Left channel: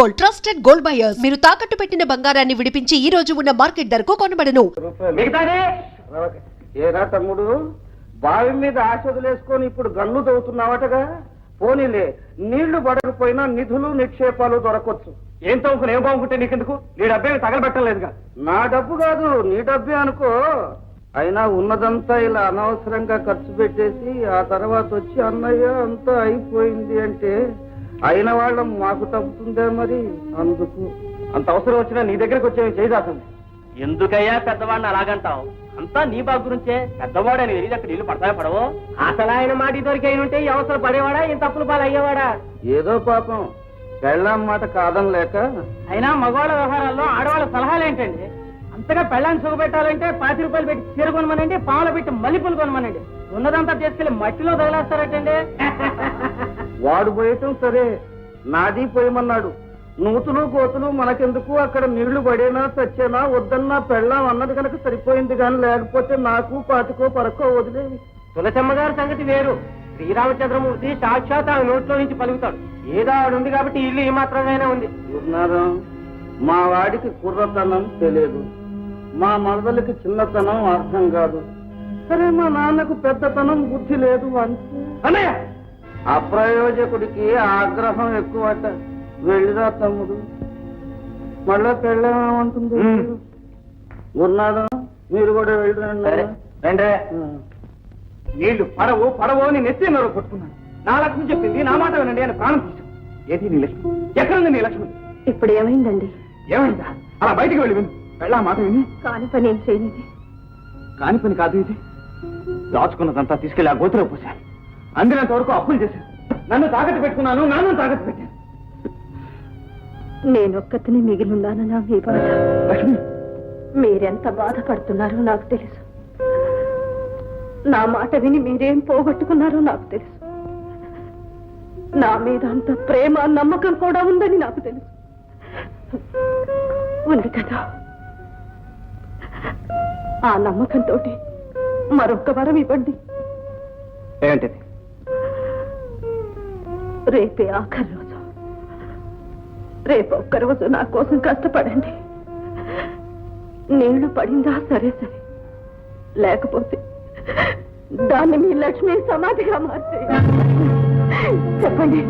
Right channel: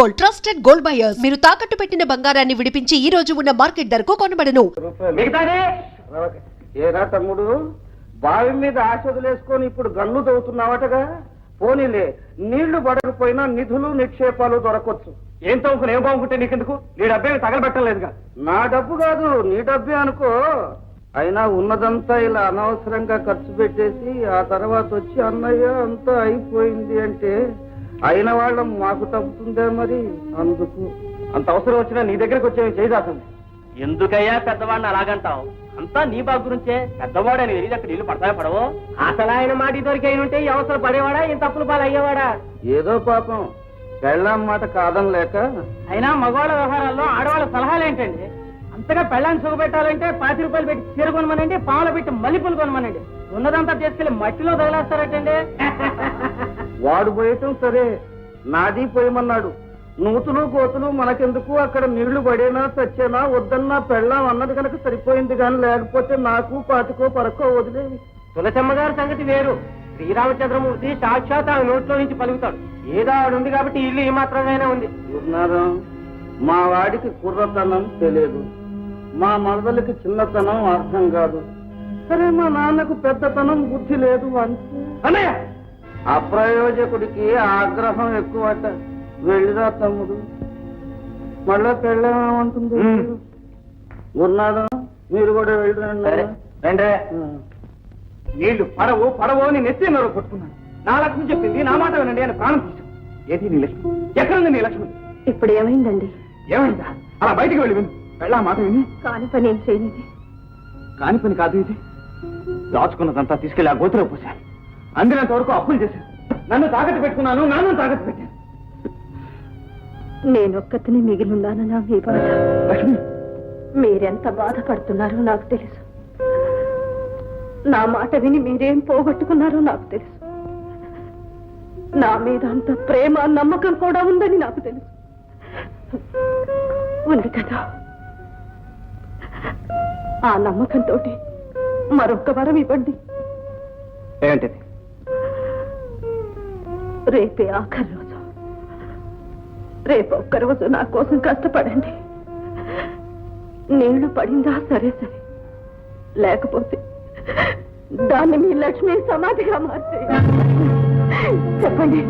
Gold, trusted gold buyers. మీరు తాకట్టు పెట్టిన బంగారాన్ని విడిపించి ఈ రోజు ఉన్న మార్కెట్ ధరకు కొనబడను. ఏరా తమ్ముడు, బావి మీద ఆశ వదిలేసుకొని ఇప్పుడు గన్ను తవ్వుతున్నావటగా? పోనీలే, నీళ్లు పడకపోయినా నిధులు నిక్షేపాలు దొరకొచ్చు. ఏం తవ్వుకుని ఏం బాగుంటే నీకెందుకు? నీ డబ్బే తగలబెట్టలేదుగా. నా డబ్బు కాదు, నీ డబ్బే అనుకో. అయినా ఉన్నదంతా ఇలా అనవసరంగా ఖర్చు పెట్టేసి ఆ తర్వాత వచ్చి అన్నయ్య అంతా అయిపోయింది అంటే అయిన వాళ్ళం మాకు తప్పుతుందే మరి. అందుకు అంత అవసరం వచ్చినా నీ దగ్గరకు వచ్చేవి చేయదాసండి. ఎందుకయ్యా పెద్దవాడిని అలాగంటావు? అంతా నీ బాగు గురించే. పెద్దవాడని తెలియదు అక్కడ నీళ్లు పడతాయో పడవో? అసలు ఆయన మాట దొరికైనంటే ఈ అవసరం పడేవాడా, ఈ తప్పులు పాలు అయ్యేవాడా? ఏదో పాపం పెళ్ళాం మాట కాదనలేక. అయినా మగవాళ్ళ వ్యవహారాల్లో ఆడవాళ్ళ సలహాలు ఏంటండి? అంతగా పెళ్ళాన్ని సుఖపెట్టాలంటే 50 రూపాయలు పెట్టి చీర కొనమనండి, పావులు పెట్టి మల్లెపూలు కొనమనండి. ఉన్నదంతా తీసుకెళ్లి మట్టిలో తగిలేస్తారటండి. వాడు పోయటం సరే, నాది పోయమన్నాడు. నూతులు కోతులు మనకెందుకు, అక్కడ నీళ్లు పడేనా చచ్చేనా వద్దన్నా పెళ్ళాం అన్నది కనుక సరిపోయింది. కానీ లేకపోతే నాకు పాతికో పరకో వదిలేవి. తులసమ్మ గారి సంగతి వేరు. శ్రీరామచంద్రమూర్తి సాక్షాత్ ఆ నోట్లో నుంచి పలుకుతాడు. ఏదో ఆడుంది కాబట్టి ఇల్లు ఈ మాత్రంగానే ఉంది. ఉన్నారం, మా వాడికి కుర్రతనం తెలియదు, మా మరదలకి చిన్నతనం అర్థం కాదు. సరే, మా నాన్నకు పెద్దతనం బుద్ధి లేదు అంతే. అన్నయ్య, అప్రయోజకుడికి ఆగ్రహం ఎక్కువట. వెళ్ళిరా తమ్ముడు, మళ్ళా పెళ్ళేమంటుంది. ఉన్నాడు, మీరు కూడా వెళ్ళిరండి. రండి. నీళ్లు పడవు పడవు అని నెత్తి నోరు కొట్టుకున్నాను. నా లక్ష్మి చెప్పింది, నా మాట వినండి అని ప్రాణం తీశాను. ఏది నీ లక్ష్మి? ఎక్కడుంది నీ లక్ష్మి? ఇప్పుడు ఏమైందండి? ఏమైందా? అలా బయటికి వెళ్ళి విను. వెళ్ళా మాట విని. కాని పని ఏం చేయనిది. కాని పని కాదు ఇది. దాచుకున్నదంతా తీసుకెళ్లి ఆ గోతులో పోశాను. అందినంత వరకు అప్పులు చేశాను. నన్ను తాకట్టు పెట్టుకున్నాను, నాన్న తాకట్టు పెట్టాను. నేనొక్కతిని మిగిలిన్నానన్నా మీ బాధ. లక్ష్మి, మీరెంత బాధపడుతున్నారో నాకు తెలుసు. నా మాట విని మీరేం పోగొట్టుకున్నారో నాకు తెలుసు. నా మీద అంత ప్రేమ నమ్మకం కూడా ఉందని నాకు తెలుసు. ఉంది కదా, ఆ నమ్మకంతో మరొక్క వరం ఇవ్వండి. ఏంటిది? రేపే ఆఖరి రోజు. రేపు ఒక్కరోజు నా కోసం కష్టపడండి. నీళ్లు పడిందా సరే సరే, లేకపోతే దాన్ని మీ లక్ష్మి సమాధిగా మార్చే. చెప్పండి,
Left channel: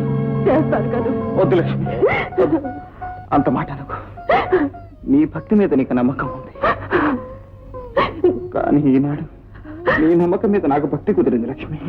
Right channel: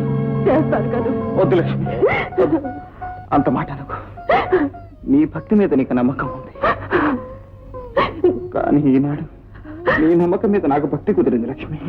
చేస్తారు కదా? వద్దు లక్ష్మి, అంత మాట అనుకో. నీ భక్తి మీద నీకు నమ్మకం ఉంది, కానీ ఈనాడు నీ నమ్మకం మీద నాకు భక్తి కుదిరింది లక్ష్మి.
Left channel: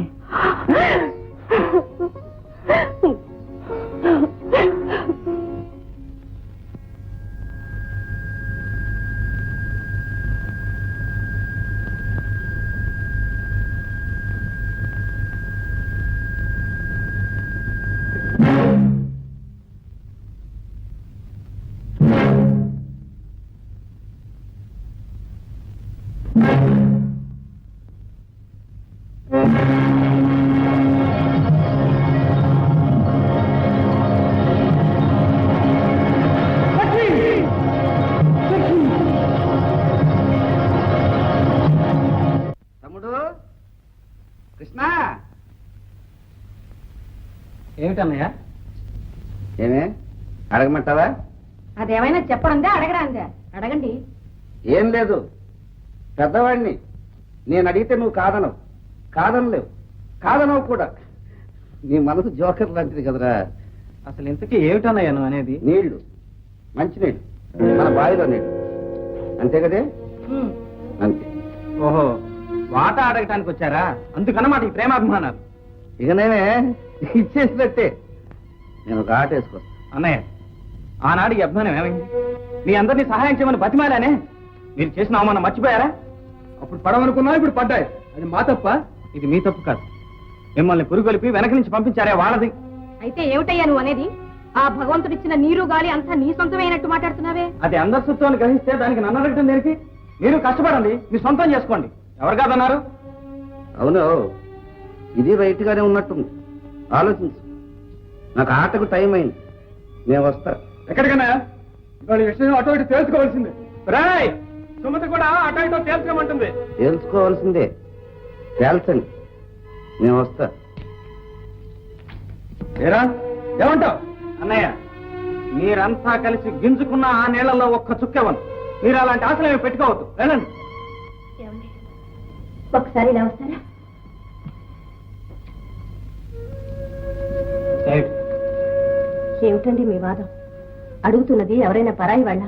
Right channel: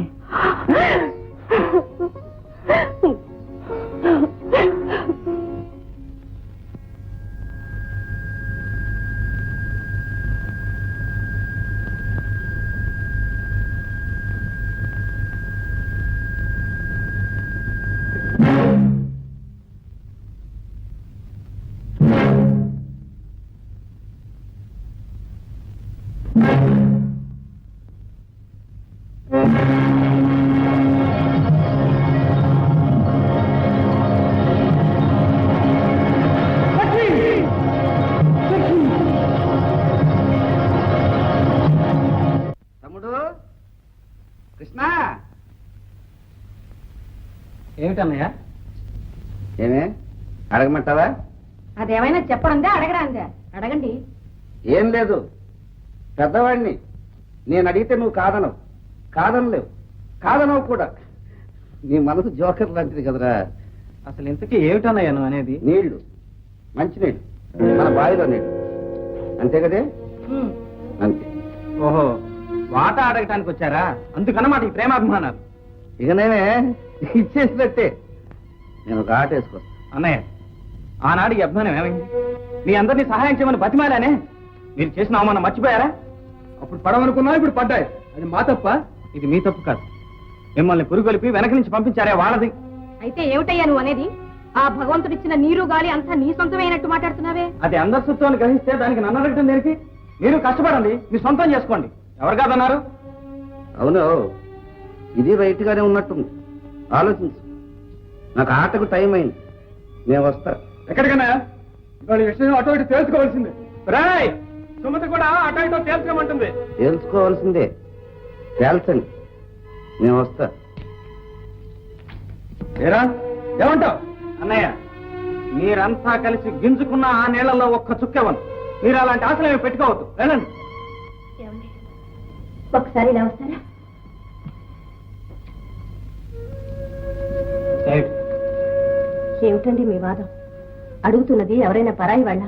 తమ్ముడు కృష్ణ, ఏమిటన్నయ్య? ఏమే అడగమంటావా? అదేమైనా చెప్పడందే అడగడాందే? అడగండి. ఏం లేదు, పెద్దవాడిని. నేను అడిగితే నువ్వు కాదనవు, కాదనలేవు, కాదనవు కూడా. నీ మనసు జోకర్ లాంటిది కదరా. అసలు ఇంతకీ ఏమిటన్నయ్య నువ్వు అనేది? నీళ్లు, మంచినీళ్ళు, మన బావిలో నీళ్లు, అంతే కదే? అంతే. ఓహో, వాటా అడగటానికి వచ్చారా? అందుకన్నమాట ఈ ప్రేమాభిమానాలు. ఇక నేనే ఇచ్చేసినట్టే. నేను ఒక ఆట వేసుకొస్తా. అన్నయ్య, ఆనాడు ఈ అభిమానం ఏమైంది? మీ అందరినీ సహాయం చేయమని బతిమాలానే. మీరు చేసిన అవమానం మర్చిపోయారా? అప్పుడు పడవనుకున్నా, ఇప్పుడు పడ్డాయి. అది మా తప్ప? ఇది మీ తప్పు కాదు. మిమ్మల్ని పురుగొలిపి వెనక నుంచి పంపించారే వాళ్ళది. అయితే ఏమిటయ్యా నువ్వు అనేది? ఆ భగవంతుడిచ్చిన నీరు గాలి అంతా నీ సొంతమైనట్టు మాట్లాడుతున్నావే. అది అందరి సొత్తు గ్రహిస్తే దానికి నన్ను అడగటం దేనికి? మీరు కష్టపడండి, మీ సొంతం చేసుకోండి. ఎవరు కాదన్నారు? అవును, ఇది రైట్ గానే ఉన్నట్టుంది. ఆలోచించు. నాకు ఆటకు టైం అయింది, నేను వస్తా. ఎక్కడికన్నా వాళ్ళ విషయం అటో ఇటు తెలుసుకోవాల్సిందే. రాయ్, సుమతి కూడా అటో ఇటో తేల్చుకోమంటుంది. తెలుసుకోవాల్సిందే, తేల్చండి, నేను వస్తా. ఏరా, ఏమంటావు? అన్నయ్య, మీరంతా కలిసి గింజుకున్న ఆ నీళ్లలో ఒక్క చుక్కెవను. మీరు అలాంటి ఆశలు ఏమి పెట్టుకోవద్దు. వెళ్ళండి. ఒకసారి ఇలా వస్తారా? ఏమిటండి మీ వాదం? అడుగుతున్నది ఎవరైనా పరాయి వాళ్ళ,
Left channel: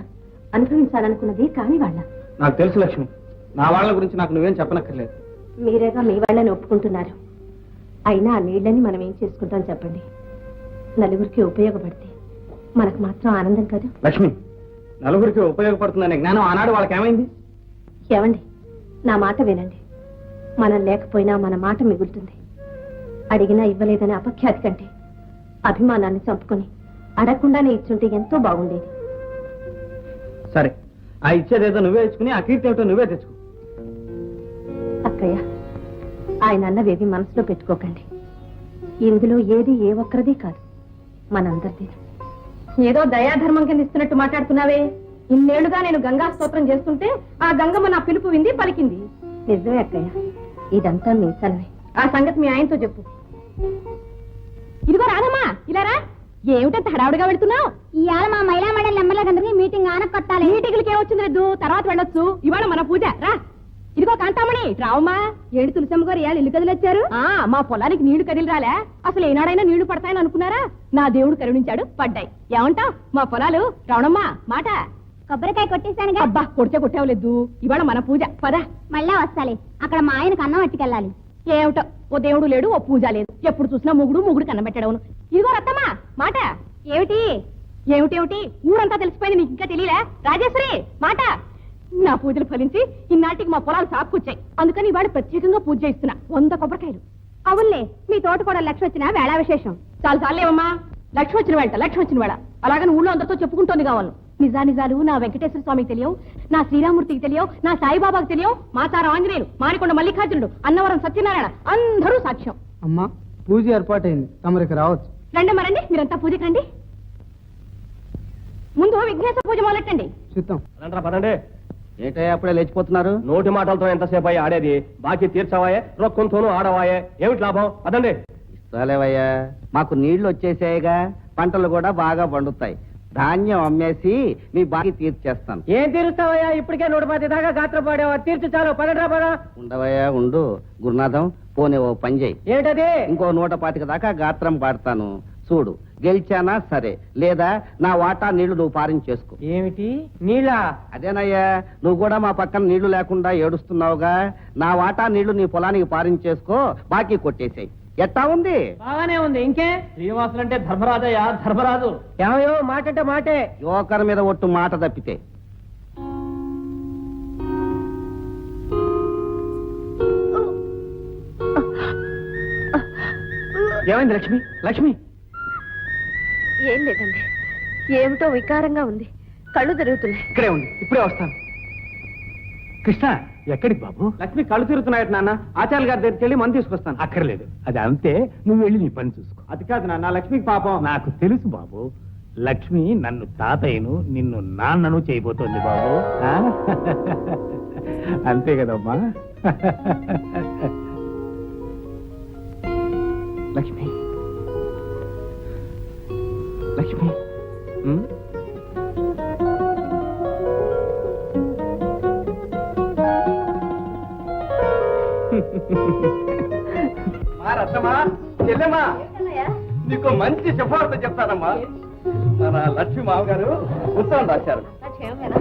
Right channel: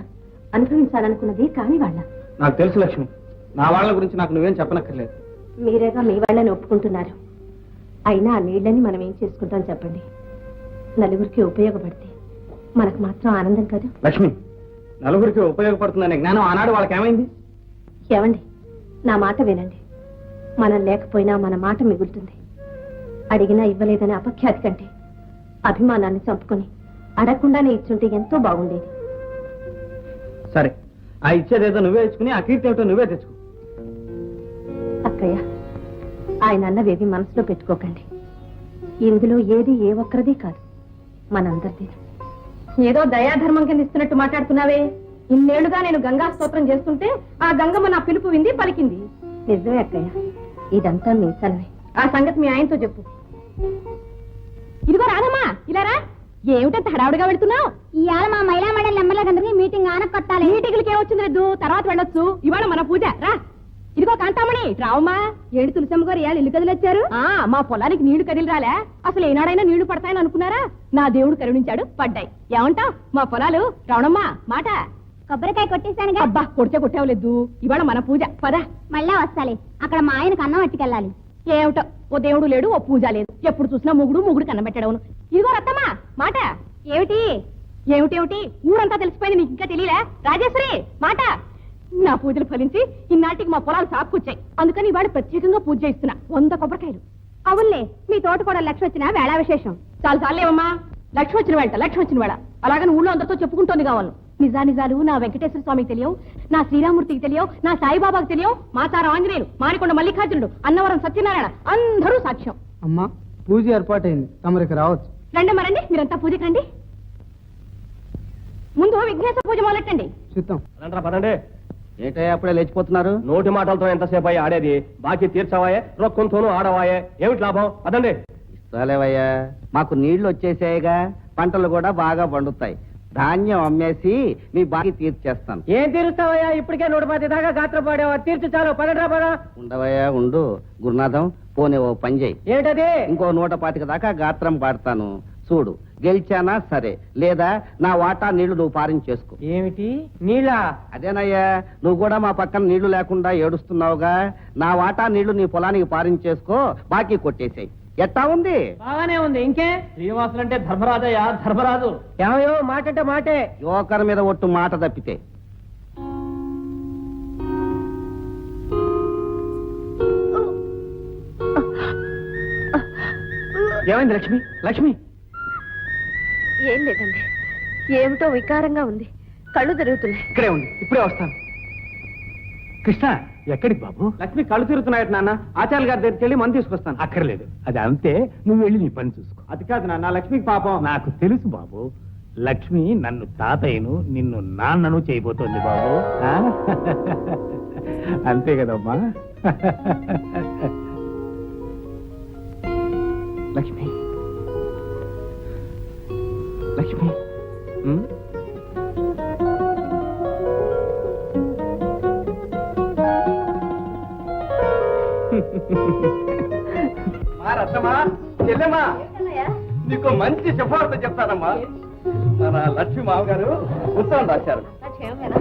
అనుభవించాలనుకున్నది కాని వాళ్ళ? నాకు తెలుసు లక్ష్మి, నా వాళ్ళ గురించి నాకు నువ్వేం చెప్పనక్కర్లేదు. మీరేగా మీ వాళ్ళని ఒప్పుకుంటున్నారు. అయినా ఆ నీళ్ళని మనం ఏం చేసుకుంటాం చెప్పండి? నలుగురికి ఉపయోగపడితే మనకు మాత్రం ఆనందం కాదు. లక్ష్మి, నలుగురికి ఉపయోగపడుతుందనే జ్ఞానం ఆనాడు వాళ్ళకి ఏమైంది? ఏమండి, నా మాట వినండి. మనం లేకపోయినా మన మాట మిగులుతుంది. అడిగినా ఇవ్వలేదనే అపఖ్యాతి కంటే అభిమానాన్ని చంపుకొని అడగకుండానే ఇచ్చుంటే ఎంతో బాగుండేది. సరే, ఆ ఇచ్చేదేదో నువ్వే ఇచ్చుకుని ఆ కీర్తి ఏమిటో నువ్వే తెచ్చుకో. అక్కయ్య, ఆయన అన్నవేవి మనసులో పెట్టుకోకండి. ఇందులో ఏది ఏ ఒక్కరిది కాదు, మనందరిది. ఏదో దయాధర్మం కింద ఇస్తున్నట్టు మాట్లాడుతున్నావే. ఇన్నేళ్లుగా నేను గంగా స్తోత్రం చేస్తుంటే ఆ గంగమ్మ నా పిలుపు వింది, పలికింది. నిజమే అక్కయ్య, ఇదంతా మీ సలవే. ఆ సంగతి మీ ఆయనతో చెప్పు. ఇదిగో రాదమ్మా, ఇలా రా. ఏమిటంత హడావుడిగా వెళ్తున్నావు? ఇవాళ మా మహిళా మండలి నెంబర్లందరికీ మీటింగ్ ఆనకొట్టాలి. మీటింగ్లకి ఏమొచ్చింది రెద్దు, తర్వాత వెళ్ళొచ్చు. ఇవాళ మన పూజ రా. ఇదిగో కాంతామణి, రావమ్మా. ఏడు తులసమ్మ గారు ఇవాళ ఇల్లు కదిలొచ్చారు. మా పొలానికి నీళ్లు కదిలి రాలే. అసలు ఏనాడైనా నీళ్లు పడతాయని అనుకున్నారా? నా దేవుడు కరుణించాడు, పడ్డాయి. ఏమంటావ్? మా పొలాలు రావణమ్మా మాట. కొబ్బరికాయ కొట్టేశాను. అబ్బా, కొడితే కొట్టేవలేదు. ఇవాళ మన పూజ, పద. మళ్ళా వస్తాలి. అక్కడ మా ఆయనకు అన్నం పట్టుకెళ్ళాలి. ఏమిటో, ఓ దేవుడు లేడు, ఓ పూజ లేదు. ఎప్పుడు చూసినా ముగుడు కన్నం పెట్టడవును. ఇదిగో రత్తమ్మా మాట. ఏమిటి ఏమిటేమిటి ఊరంతా తెలిసిపోయింది, నీకు ఇంకా తెలియలే? రాజేశ్వరి మాట. నా పూజలు ఫలించి ఇన్నాటికి మా పొలాలు సాపుకొచ్చాయి. అందుకని ఇవాడు ప్రత్యేకంగా పూజ చేస్తున్నా. 100 కొబ్బరికాయలు. అవునులే, మీ తోట కూడా లక్ష్మి వచ్చిన వేళ విశేషం. చాలా చాలేవమ్మా. లక్ష్మి వచ్చిన వేళ అలాగని ఊళ్ళో అందరితో చెప్పుకుంటోంది కావాలి. నిజాలు నా వెంకటేశ్వర స్వామికి తెలియవు, నా శ్రీరామూర్తికి తెలియవు, నా సాయిబాబాకి తెలియవు, మాతార ఆంజనేయులు, మారికొండ మల్లికార్జునుడు, అన్నవరం సత్యనారాయణ అందరూ సాక్ష్యం. అమ్మా, పూజ ఏర్పాటైంది, తమరికి రావచ్చు. రండి, మీరంతా పూజకి రండి. ముందు విఘ్నేశ్వర పూజ మొదలెట్టండి. చిత్తం. పదండి. ఏంటయ్యా అప్పుడే లేచిపోతున్నారు? నోటి మాటలతో ఎంతసేపు అయ్యి ఆడేది? బాకీ తీర్చవాయే, రొక్కంతోనూ ఆడవాయే. ఏమిటి లాభం? అదండి. ఇస్తాలేవయ్యా, మాకు నీళ్లు వచ్చేసాయిగా, పంటలు కూడా బాగా పండుతాయి. ధాన్యం అమ్మేసి మీ బాకీ తీర్చేస్తాను. ఏం తీరుస్తావయ్యా? ఇప్పటికే 110 దాకా గాత్రం పాడావా? తీర్చు చాలు. పదండ్రా పద. ఉండవయ్యా ఉండు గురునాథం, పోనీ ఓ పని చేయి. ఏంటది? ఇంకో 125 దాకా గాత్రం పాడతాను. చూడు, గెలిచానా సరే, లేదా నా వాటా నీళ్లు నువ్వు పారించేసుకో. ఏమిటి నీళ్ళ? అదేనయ్యా, నువ్వు కూడా మా పక్కన నీళ్లు లేకుండా ఏడుస్తున్నావుగా, నా వాటా నీళ్లు నీ పొలానికి పారించేసుకో, బాకీ కొట్టేసాయి. ఎట్టా ఉంది? బాగానే ఉంది. ఇంకే శ్రీనివాసులు అంటే ధర్మరాజయ్యా, ధర్మరాజు. ఏమయ్యో, మాట అంటే మాటే. యువకర్ మీద ఒట్టు మాట తప్పితే. ఏమైంది లక్ష్మి? లక్ష్మి, ఏం లేదండి, ఏమిటో వికారంగా ఉంది. కళ్ళు తిరుగుతున్నాయి. ఇక్కడే ఉంది, ఇప్పుడే వస్తాను. కృష్ణ, ఎక్కడికి బాబు? లక్ష్మి కళ్ళు తిరుగుతున్నాయట నాన్న. ఆచార్య గారి దగ్గరికి వెళ్ళి మందు తీసుకొస్తాను. అక్కర్లేదు, అది అంతే. నువ్వు వెళ్ళి నీ పని చూసుకో. అది కాదు నాన్న, లక్ష్మికి పాపం. నాకు తెలుసు బాబు, లక్ష్మి నన్ను తాతయ్యను నిన్ను నాన్నను చేయబోతోంది బాబు. ఆ? అంతే కదమ్మా. లక్ష్మి, లక్ష్మి, రత్తమ్మా, చెల్లెమ్మా, నీకు మంచి సిఫార్సు చెప్తానమ్మా. మన లక్ష్మి మామగారు ఉత్తరం రాశారు.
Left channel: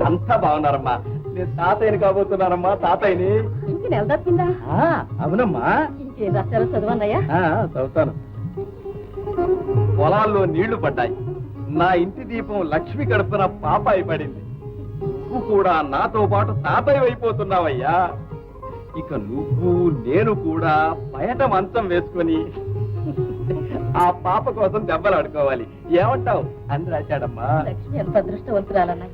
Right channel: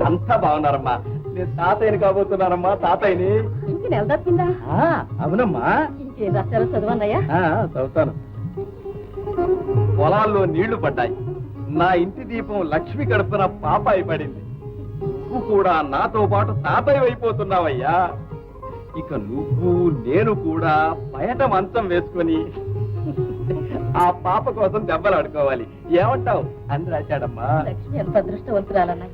అంతా బాగున్నారమ్మా. నేను తాతయ్యని కాబోతున్నారమ్మా, తాతయ్యని. ఇంక నెల తప్పిందా? అవునమ్మా. ఇంకేం రాశారో చదవండియా. చదువుతాను. పొలాల్లో నీళ్లు పడ్డాయి. నా ఇంటి దీపం లక్ష్మి గడుపున పాపాయి పడింది. నువ్వు కూడా నాతో పాటు తాతయ్య అయిపోతున్నావయ్యా. ఇక నువ్వు నేను కూడా బయట మంచం వేసుకొని ఆ పాప కోసం దెబ్బలు ఆడుకోవాలి. ఏమంటావు అని రాశాడమ్మా. లక్ష్మి ఎంత అదృష్టవంతురాలన్నా,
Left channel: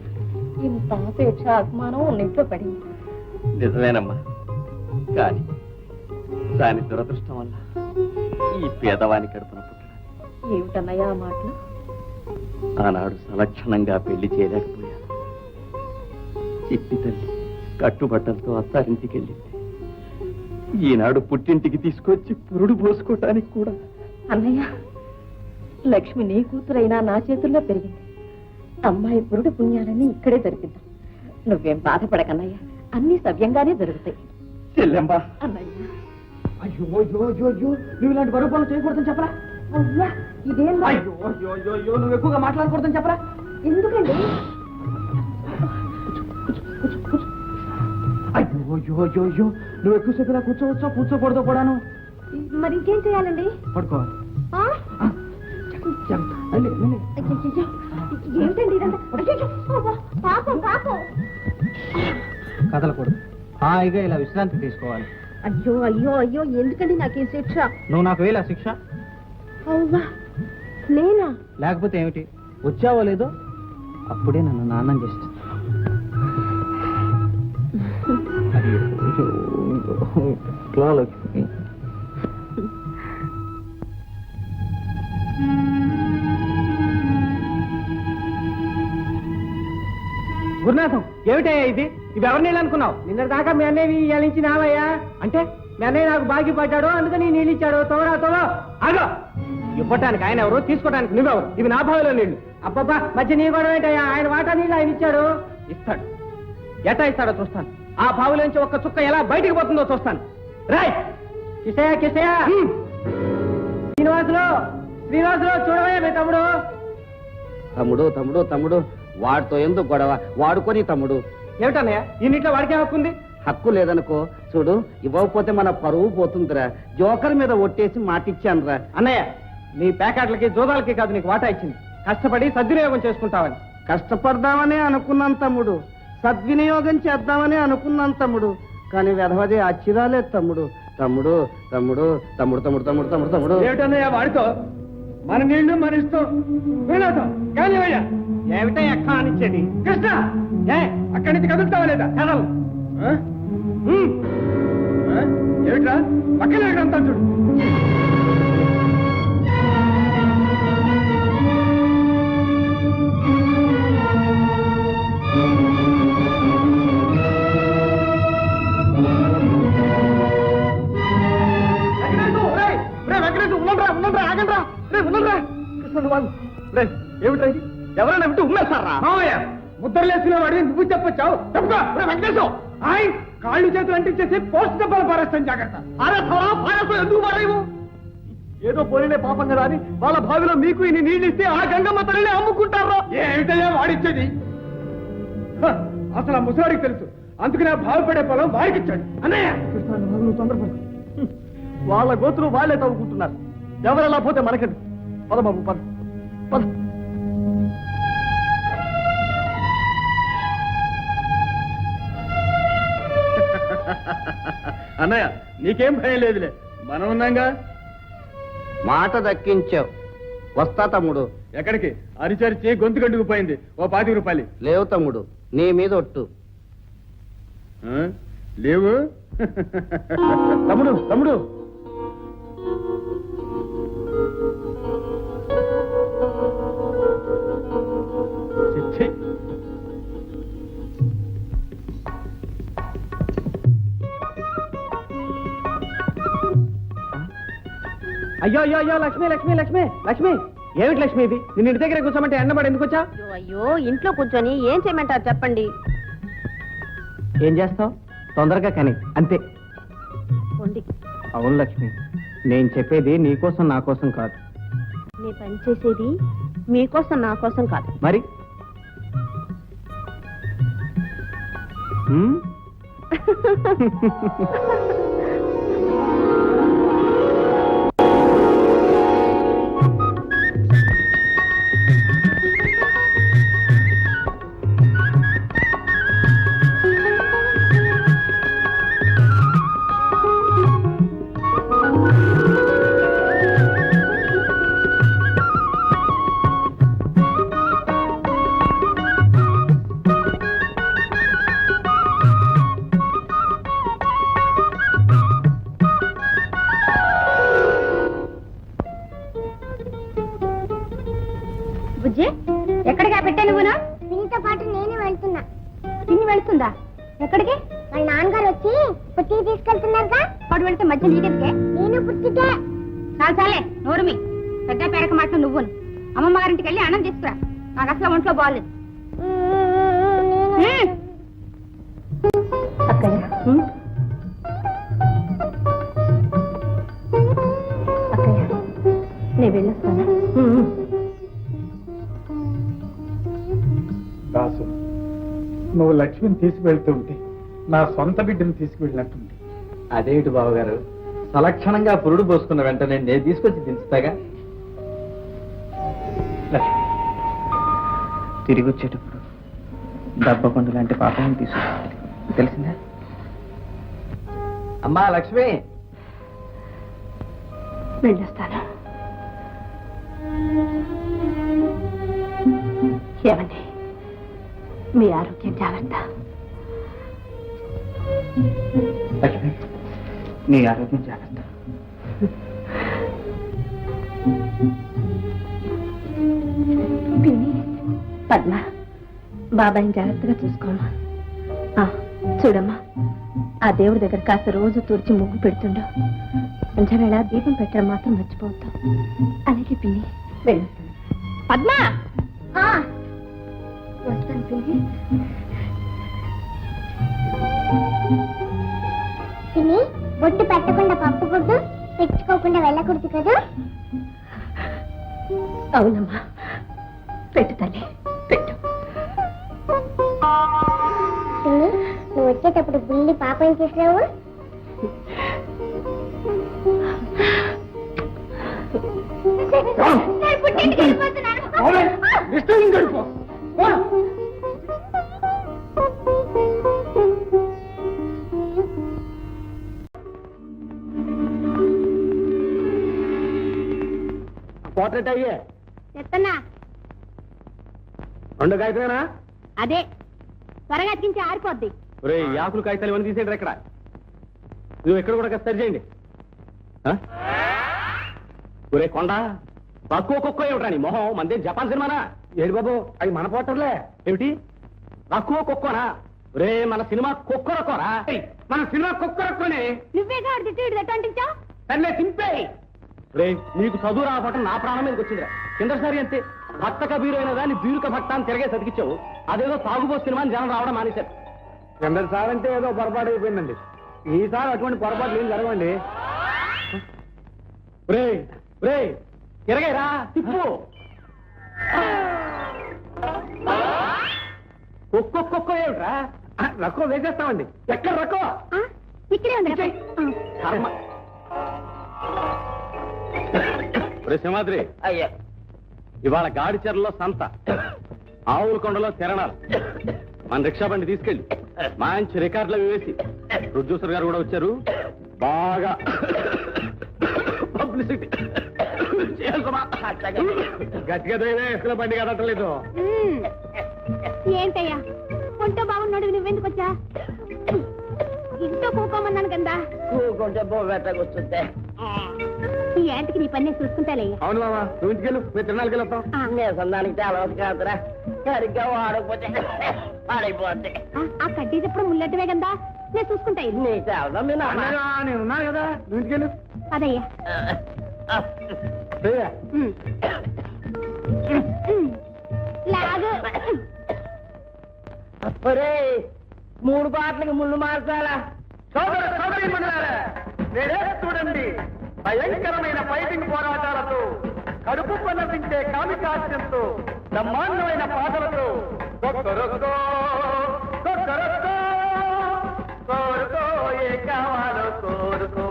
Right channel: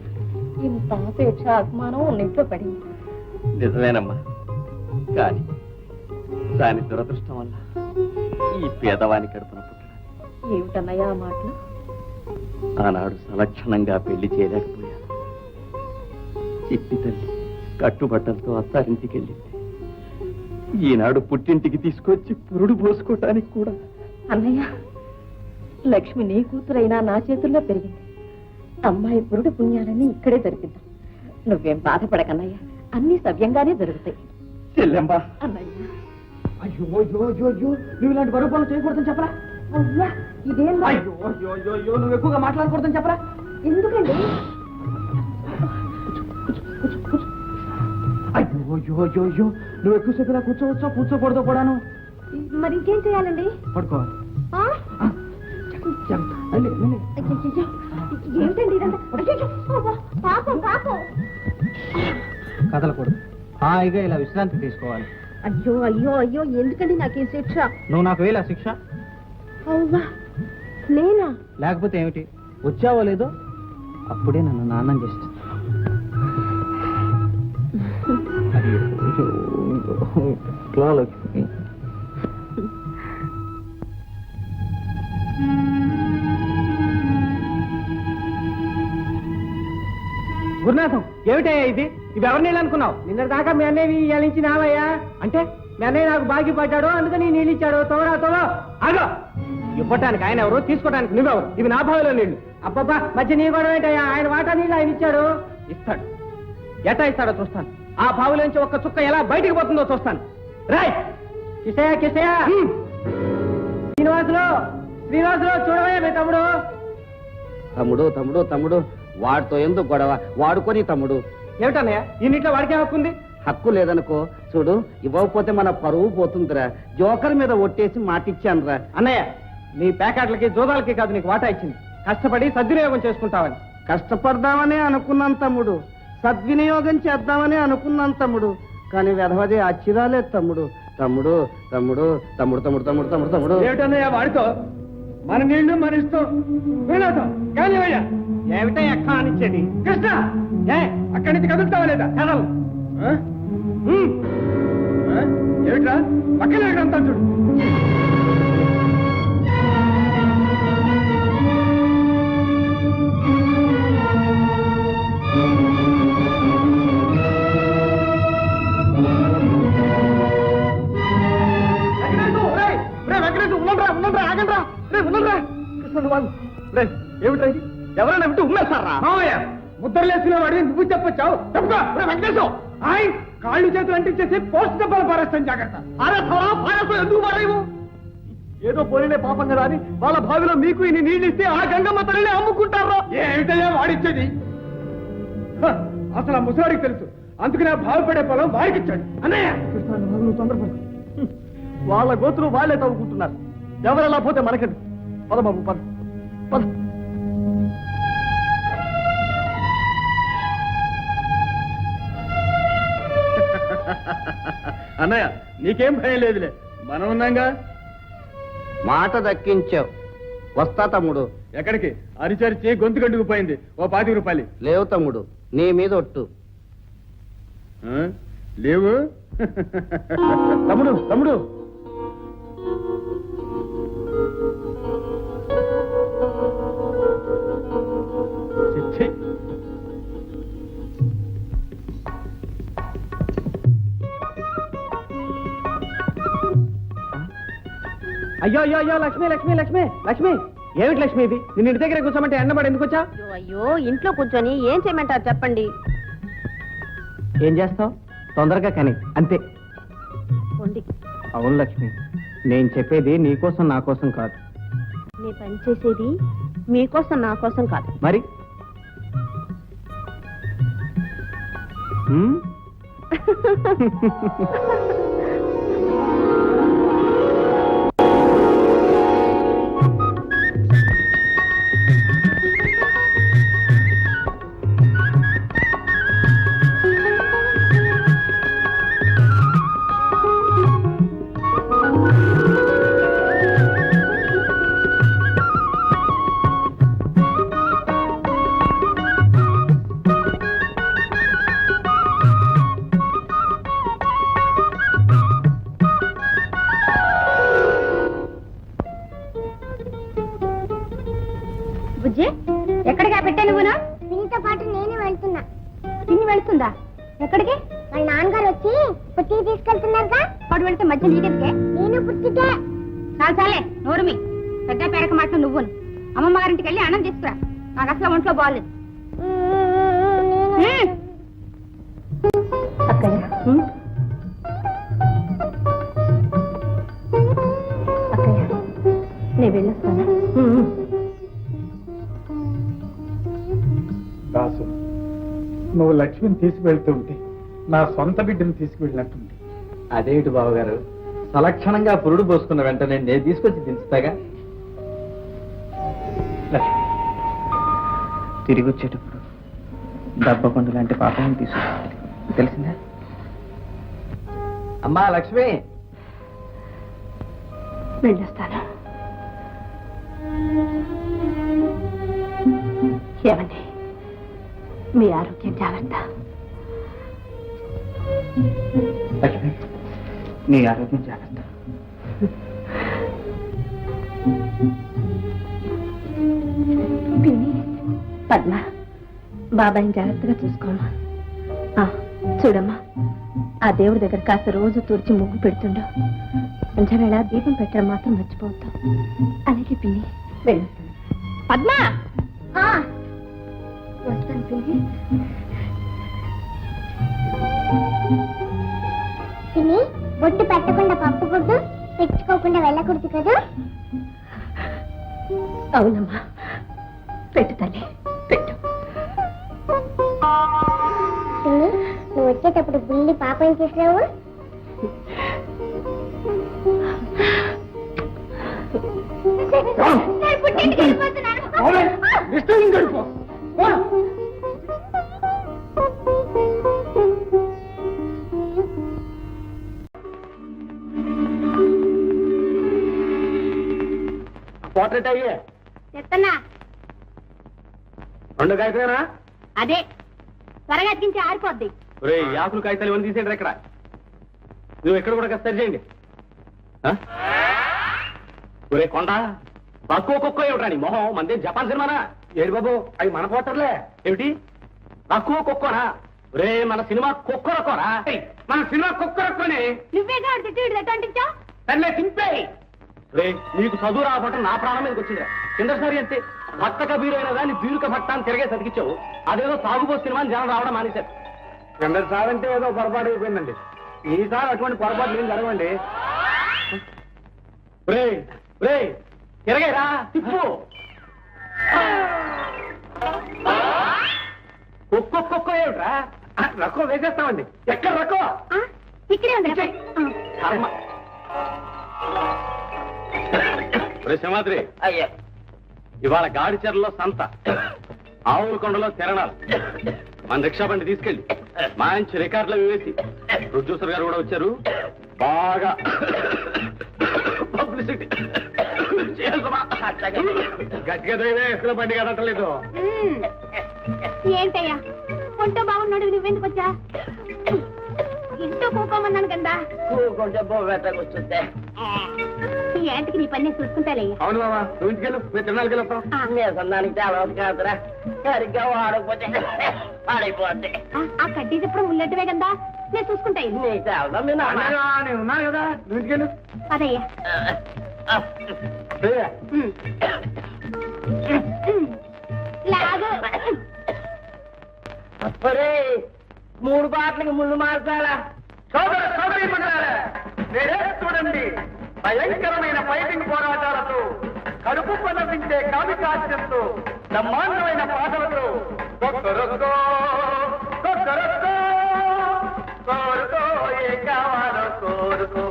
ఇంత ఆపేక్ష అభిమానం ఉన్నింట్లో పడింది. నిజమేనమ్మా, కానీ దాని దురదృష్టం వల్ల ఈ పేదవాని కడుపున పుట్టడం. ఏమిటన్నయ్యా ఆ మాటలు? ఆనాడు సలక్షణంగా పెళ్లి చేయలేకపోయాను. చిట్టి తల్లి కట్టుబట్టలతో అత్తారింటికి వెళ్ళింది. ఈనాడు పుట్టింటికి తీసుకొచ్చి పురుడు పోసుకోవటానికి కూడా. అన్నయ్య, లక్ష్మి నీ కూతురైనా నా చేతుల్లో పెరిగింది. అమ్మాయి పురుడు పుణ్యాలన్నీ ఇక్కడే జరిపిద్దాం. నువ్వేం బాధపడకన్నయ్య, అన్ని సవ్యంగానే జరుగుతాయి. చెల్లెమ్మా, అన్నయ్య అయ్యో అయ్యో అయ్యో అయ్యో, నువ్వు ఇలాంటి బరువు పనులు చేయకూడదని చెప్పరా? అయ్యా, ఇదేం అయ్యో అయ్యో అయ్యో అయ్యో, నువ్వు ఎక్కువగా మాట్లాడకూడదని చెప్పరా? ఎందుకండి? అయ్యో అయ్యో అయ్యో అయ్యో, నువ్వు ఎక్కువసేపు ఇలా కూర్చోవచ్చో కూర్చోకూడదో కూడాను. మరి ఇంకేం చేయాలండి? పడుకోవాలి. ఆ? వెళ్ళి, వెళ్ళి. అయ్యయ్యయ్యో, ఏమిటండి ఇదంతా? అయ్యయ్యో, అబ్బా, పాపం పాపం. కదలకూడదు, హాయిగా ఇలా విశ్రాంతి తీసుకోవాలి. అయ్యో అయ్యో అయ్యో, ఎందుకండి నాకు ఈ శిక్ష? నువ్వు నాకు వేలా శిక్ష? అవునా, నేనా? లేకపోతే ఏమిటి? వచ్చావో లేదో అప్పుడే నన్ను నాన్నం చేసేస్తా. లక్ష్మి, గురునాథం, ఏమిటయ్యా ఇది? ఇవి ఎవరి నీళ్ళు అనుకున్నావు? నిన్న దాకా మీ అన్నయ్య ఇవాళ నుంచి నావయ్యా. అంటే మీ అన్నయ్య నాకు బాగి పడ్డాడు, అందుకని నీళ్ళు ఇచ్చాడు. తోరా తోరా ఆగో. ఇవ్వటానికి ఆయన ఎవరు, తీసుకోవడానికి నువ్వెవరు? ఇవి నా బావిలో నీళ్లు. అబ్బబ్బా, మధ్య నీ కూడా ఏంటయ్యా? ఆయన వాటా నీళ్ళు ఆయన ఇచ్చాడు. ఇస్తాడు, ఎటా ఇస్తాడో చూస్తాను. ఆ బావిలోంచి ఒక్క చుక్క ఎలా బయటికి పోతుందో చూస్తాను. రాయ్ కిషయ కిషయ, శ్రీనివాసులు శ్రీనివాసులు, చూడవయ్యా మీ తమ్ముడు. తమ్ముడు తమ్ముడు తమ్ముడు, వాడితో ఎందుకు గొడవ? వాడుకొని తమ్ముడు. ఏమిటన్నయ్య, ఈ నీటిలో వాడికే హక్కు ఉంది? హక్కు లేదనుకో, చూడు, ఇవ్వకపోతే మన పరువు పోతుందిరా. జోకర్ మీద ఒట్టేసి మాటిచ్చానురా. అన్నయ్య, నీ ప్యాకెట్లకి జోదాలకి కాదు నీకు వాటా ఇచ్చింది. కష్టపడి సద్వినియోగం చేసుకుంటావని. కష్టపడదామని అనుకున్నాను తమ్ముడు, సద్వినియోగం చేద్దామని అనుకున్నాను తమ్ముడు, కానీ వెధవది అచ్చిరాలేదు తమ్ముడు. తమ్ముడు తమ్ముడు తమ్ముడు తమ్ముడు తమ్ముడు తమ్ముడు తమ్ముడు. ఏమిటన్నయ్య వాడితో? మన నీళ్లు మన ఇష్టం. కానివయ్యా. ఏమిటయ్యా కానిచ్చేది? కృష్ణ, ఏ అక్కడి నుంచి కదులుతావా లేదా? కదలు. ఏమిట్రా పక్కన అంతా చూడు. ఏమిట్రా ఇది? ఎవరైనా వింటూ ఉమ్మేస్తారా? ముద్రలేసిన వాడిని నువ్వు చెప్పొచ్చావు. వెంకటేశ్వర, ఆయన కాళ్ళు చేతులు అంటించేసి పోస్ట్ డబ్బాలు పారేస్తాను. జాగ్రత్త. ఎందుకు పారేవు? ఏదో పోలినే పాపం కదా అని వాళ్ళ బావిలో మీకు ఇన్ని నీళ్ళు ఇస్తే ఆ గంగమ్మ తల్లిని అమ్ముకుంటారా? ఏమిటయ్యా వాడిచ్చేది? అసలు ఆ ముసలాడికి తెలుసు, అందుకని ఆ బావిపడే పొలం వాడికి ఇచ్చాడు. అన్నయ్య, నువ్వు తొందరపడు. వాళ్ళ గోతులు వాళ్ళే తవ్వుకుంటున్నారు. ఎవరెలా పోతే మనకెందు? పద బాబు, పద పద. అన్నయ్య, నీకేం భయం లేదులే, మనం ఉన్నాగా. మాట దక్కించావు. వస్తా తమ్ముడు. ఎక్కడికి? అరిచరిచి గొంతు గంటుకుపోయింది. ఓ 25 రూపాయలు. లేవు తమ్ముడు, నీ మీద ఒట్టు. లేవు తమ్ముడు. తమ్ముడు, అయ్యో అయ్యో అయ్యో, లక్ష్మి లక్ష్మి లక్ష్మి లక్ష్మి. ఏమిటి లక్ష్మి ఇది? నేను ఇంటి దగ్గర కూర్చోమంటే ఎండబడి ఎందుకు వచ్చా? అయ్యో, ఇంట్లో కూర్చొని ఏం చేయమంటారు చెప్పండి. ఏం చేస్తావు? తొందరగా కానీ, అంతే. అవును లక్ష్మి, నేను చెప్పేది నీకోసం నా కోసం కాదు. నీ పని చేసేది మీకోసం నా కోసం కాదు. మరి బుజ్జి, ఎక్కడికి పెట్టా నువ్వునా? పిన్నితో పాటు నేను వెళ్తున్నా. పిన్ని వెళ్తుందా? ఎక్కడికి? వాళ్ళ నాన్నగారు వచ్చి పుట్టికి తీసుకెళ్తున్నారుగా. వాడు వెళ్తే మధ్య నీకెందుకే? నేను పుట్టికే. చాలే నోరుమి, పెద్ద పేరక మాట నువ్వును. అమ్మమ్మ గారింటికి వెళ్ళి అన్నం తీసుకురా. నాకు అసలు ఒంట్లో బాగాలేదు అక్కయ్య అక్కయ్య నేను వెళ్ళొస్తాను. దాసు, నువ్వు లక్ష్మిని తీసుకువెళ్తుంటే నా సొంత బిడ్డను తీసుకువెళ్ళినట్టుంది. అదేమిటి బావగారు, సలక్షణంగా పురుడు పోసుకున్న వెంటనే నేను తీసుకొచ్చి దించుతాగా. లక్ష్మి, తిరిగి వచ్చేటప్పుడు దెబ్బకొండ లాంటి పాపం తీసుకుంటుంది, తెలిసిందా? అమ్మా లక్ష్మి, వెళ్ళొస్తాను. ఏమండి, మీ ఆరోగ్యం జాగ్రత్త. లక్ష్మి, నీ ఆరోగ్యం జాగ్రత్త. పిన్ని, పద్మ, బాబాయిని జాగ్రత్తగా చూసుకోమ్మా. చూడమ్మా, ఆ దేవుడి దగ్గర కాస్త రోజు తుడిచి ముగ్గు పెడుతుండో, సంధ్యవేళ దీపం పెట్టడం మాత్రం మర్చిపోతాం. అలాగే పిన్ని, వెళ్ళు. పద్మ, వస్తాను పిన్ని. తిని బొట్టు పెట్టకుండా పప్పు గుడ్డు తెచ్చుకోకుండా వెళ్ళకూడదు కదా. అవునమ్మా, పెట్టు తల్లి, పెట్టు. తిని నువ్వు వచ్చేటప్పుడు బుల్లి పాపం చేసావు. పోర్ట్రేట్ అయ్యే చెత్తన్నా రెండు కాగితమేనా? అదే త్వరగా తింటే ఆరిపోద్ది. యాకులు కాగితాలు ఇవన్నీ తీసేయండి. ఇక్కడ నువ్వు ఎక్కడ కూడా సరి చేయండి. ఒరే కొండ, తక్కువ కుక్క ఏమిట్రా నీ మొహం? మందే జపాన్ సినిమానా? ఏడు బాబు, అవి మన పోటర్లే. ఏమిటి తక్కువ కుక్కనా? ఒరే మన సినిమా కుక్కరకోరా, మన సినిమా కుక్కరకోనే. నువ్వేగా తిట్టి అంటించావు. సర్లే తింపే. రే నీకు చదువు రావటం నా ప్రాణం మీదకి వచ్చిందిరా. కిందసారి అంతే, భక్తక బీరు దాన్ని బీరుక భక్త అని తిరగే చదివించావు. అదేదో తాగుబో సినిమాని జనం రావడం మానేశారు. కిందసారి అంటే ఏదో పొరపాటు అయిపోయిందండి. ఈసారి అటువంటి పొరపాటు ఏం జరగండి. రే రే తిరగేరా, తిప్పు. కుక్క కుక్క ఏమిట్రా? రక్కో వేసేస్తామండి. ఎక్కడ రక్కో? ఇక్కడే ఉంది. సింహాద్రి అయ్యా, ఇవాళ గాడిచెరలో సంత, ఆవుల కొండలో తిరణాలు. మన రిక్షా బండి తీసుకెళ్ళి మంచి రికార్డులు వేసి, ప్రొడ్యూసర్ గారు కూడా వచ్చారు, బాగా పబ్లిసిటీ గట్టిగా ఎక్కడ బండి కదట్లేదు. ఏంటయ్యా ఒంటో బాగున్నాడు, నువ్వెందుకు వచ్చా? ఇంట్లో కూకోమన్నాను కదా. కూకుంటే ఈ ఏంటికి నీ పని చూసుకుంటాలే. అవును మామా, నువ్వు ఇంటికెళ్ళు, మేము తిరణాలకి వెళ్ళొస్తాం. సందానికి అలవాటు కాదురా, సరిగ్గా వాడకపోతే పాడైపోతే. ఆ కట్టేటప్పుడు ముల్లటమే కదా, నేను చూసుకుంటా. ఇది నేను ఉన్నాను కదా, నువ్వు ఇంటికెళ్ళు. అదయ్యా లాగు. మూడు పాటలకు ముళ్ళు మార్చాలా? చూడండి, భయంకరమైన ఫైటింగ్ పోరాటాలతో, కడుపు పన్నపించే కామికాస్యంతో, బ్రహ్మాండమైన పాటలతో, కోరుకో ఏ కావాలో కోరుకో,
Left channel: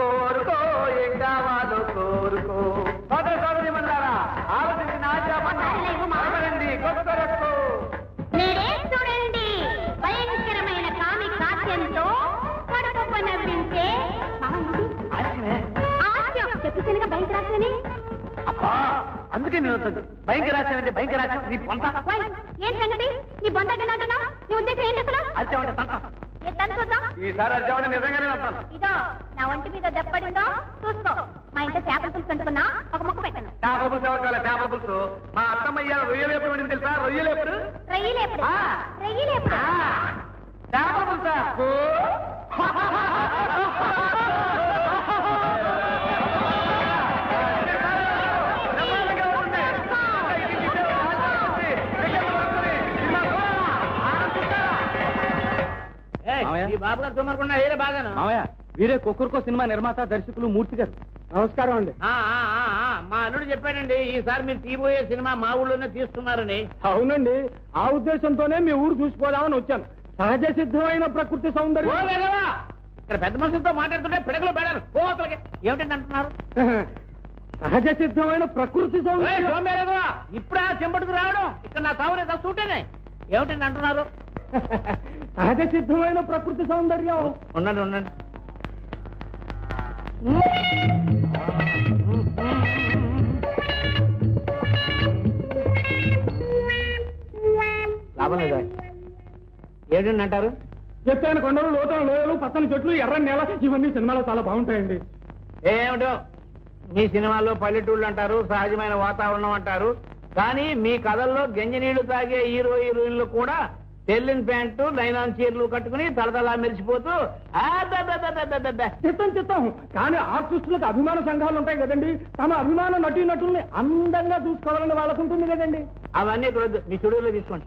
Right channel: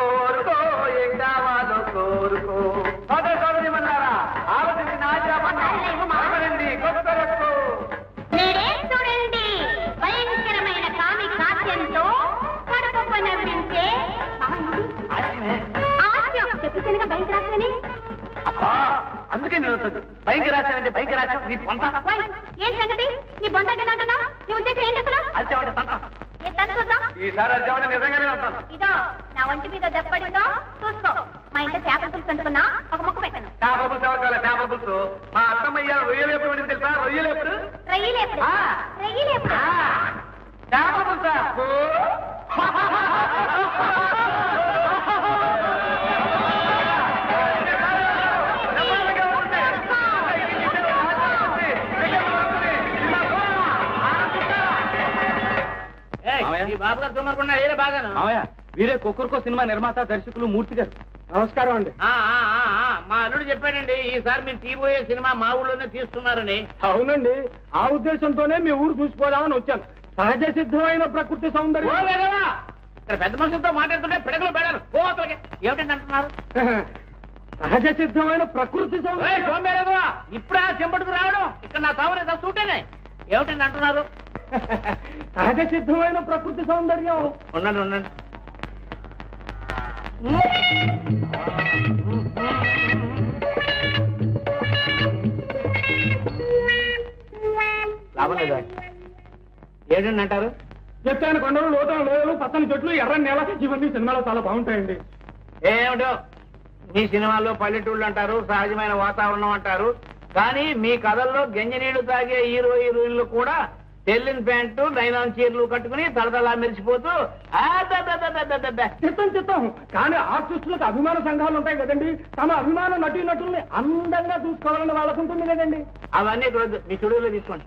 కోరుకో ఏ కావాలో కోరుకో. సోదరి మన్నారా, ఆలోచించిన ఆశాపడండి. చూడండి, భయంకరమైన కామి కాస్యంతో కడుపు పన్నపించే చెప్పినగా భయంకరాశని. అందుకే నేను భయంకరాశ అంటే భయంకరాశ నీ పొంత. ఏం సంగతి? నీ పొందగలాగనా? నీ ఉద్దేశం ఏంటి అసలు? ఈసారి అర్జవణ నిజంగానే వస్తాను. ఇదో నా ఒంటి మీద దెబ్బడిందో చూసుకో. మా ఇంట్లో చేపల పులుసు అంటుకున్నా, ఒక ముక్క పెట్టను. చేపల పులుసు ఎవరు కావాలి? చేపల పులుసు మా అత్తమ్మయ్య రొయ్యలేపుడు అని తెలుసా? రొయ్యలేపుడు, రొయ్యలేపుడు, రొయ్యలేపుడు. చేపల పులుసా? బాబు గారు తుమ్మకుండా హీరో బాగాను మామయ్య వీరే కుక్కర్కో సినిమా నిర్మాత దర్శకులు మూర్తి గారు. నమస్కారం అండి. మా అల్లుడు చెప్పాడండి ఈసారి మీరు తీయబోయే సినిమా మా ఊళ్ళోనే తీస్తున్నారని. అవునండి, ఆ ఉద్దేశంతోనే మీ ఊరు చూసుకోదామని వచ్చాను. సహజ సిద్ధమైన ప్రకృతి సౌందర్యం. ఇక్కడ పెద్ద మనుషులతో మాట్లాడుతుంటే పిడకలు పెడారు పోతలకి ఏమిటండి అంటున్నారు? సహజ సిద్ధమైన ప్రకృతి సౌందర్యం. ఇప్పుడు ఆ చెంబడుకు రావడం ఇక్కడ నా సావులే చూటేనే ఏమిటండి అంటున్నారు? సహజ సిద్ధమైన ప్రకృతి సౌందర్యం. ఉండండి ఉండండి. లాభం లేదా? ఏంటండి అంటారు? ఎత్తైన కొండలు, లోతుల లోయలు, పచ్చని చెట్లు, ఎర్రని నేల, ఇవన్నీ సినిమాలో చాలా బాగుంటాయండి. ఏమిటో మీ సినిమాల్లో పల్లెటూళ్ళు అంటారు, సహజమైన వాతావరణం అంటారు, కానీ మీ కథల్లో గంజినీళ్లు తాగే హీరో హీరోయిన్లు కూడా తెల్లిన ప్యాంటు నైలాన్ చీరలు కట్టుకుని తలతలా మెరిసిపోతూ చిత్తం చిత్తం. కానీ ఆర్టిస్టులకు అభిమాన సంఘాలు ఉంటాయి కదండి, తమ అభిమాన నటీ నటుల్ని అందంగా చూసుకోవాలని వాళ్ళకు ఉంటుంది కదండి. అవన్నీ ఇక్కడ వద్దు, మీ స్టూడియోలో తీసుకోండి.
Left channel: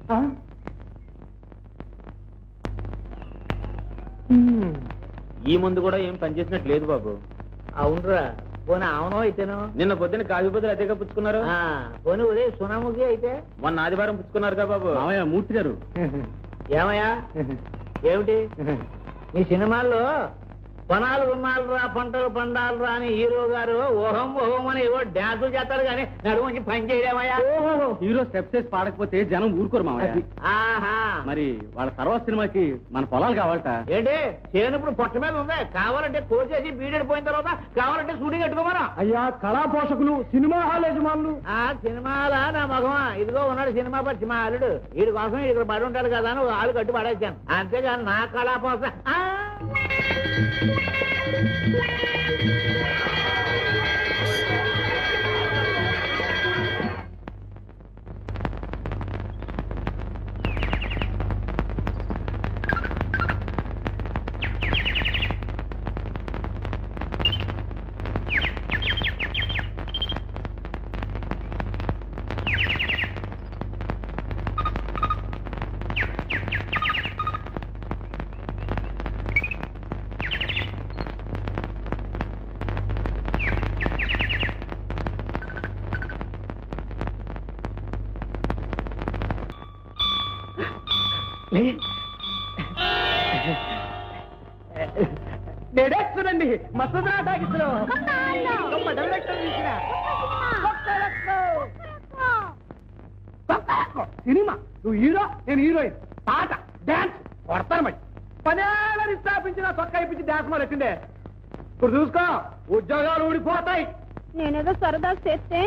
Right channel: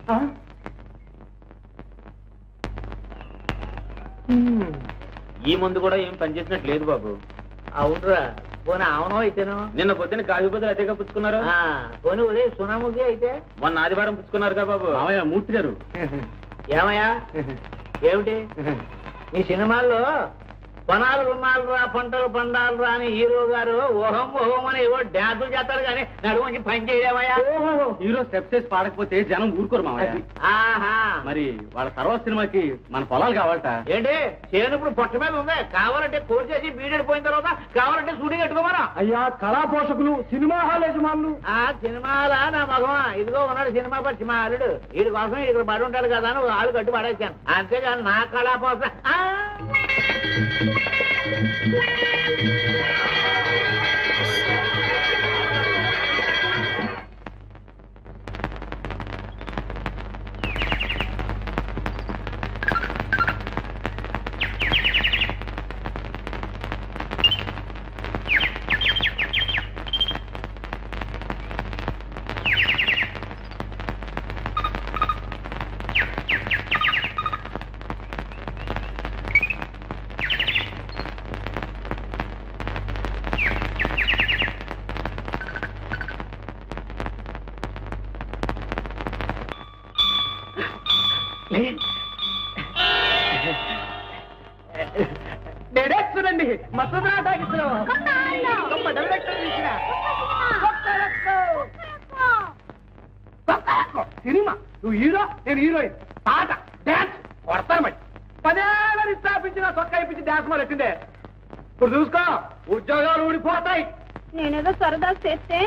ఈ ముందు కూడా ఏం పనిచేసినట్టు లేదు బాబు. అవునరా, పోనీ అవునో అయితేను. నిన్న పొద్దున్న కాజుబుద్ధులు అదేగా పుచ్చుకున్నారు. పోనీ ఉదయం సునాముఖి అయితే మొన్న ఆదివారం పుచ్చుకున్నారు కదా బాబు. మామయ్య మూర్తి గారు. ఏమయ్యా ఏమిటి మీ సినిమాల్లో పొనాలు ఉన్నాళ్ళరా పంటలు పండాలరా అని హీరో గారు ఓహం ఓహం అని ఏవో డ్యాన్సులు చేస్తారు కానీ నడుముంచి పని చేయడమయ్యా. హీరో స్టెప్స్ వేసి పాడకపోతే జనం ఊరుకోరు మామయ్య. ఆహా, మరి వాళ్ళ తర్వాత సినిమాకి మన పొలాలు కావాలట. ఏంటి చేనుప్పుడు పొట్ట మీద ఉంది, కావాలంటే కోర్చేసి బీడెడ్ పోయిన తర్వాత కావాలంటే షూటింగ్ పెట్టుకోమరా. అయ్యా కళా పోషకులు, సినిమా హాల్ యజమానులు. ఆ సినిమాలా నా మగమా ఇదిగో ఉన్నాడు సినిమా పచ్చి మా అల్లుడు, వీడి కోసం ఇక్కడ పడి ఉంటాడు కదా అని ఒక ఆలు కట్టి పడేసాను. అంతేగాని నా కళాపోస డైరెక్టరండి మసూదరా టాకీస్ లో సినిమా. నువ్వు హీరో, నేను హీరోయిన్. పాట డాన్స్ కొడతారు. మరి 10 ఏళ్ళని స్థాపించిన చొక్కా ఇప్పించి డాన్స్ మరి ఎట్టిండే. ఇప్పుడు చూసుకో ఉద్యోగాలు ఊడిపోతాయి. నేనేదో సరదా చేస్తే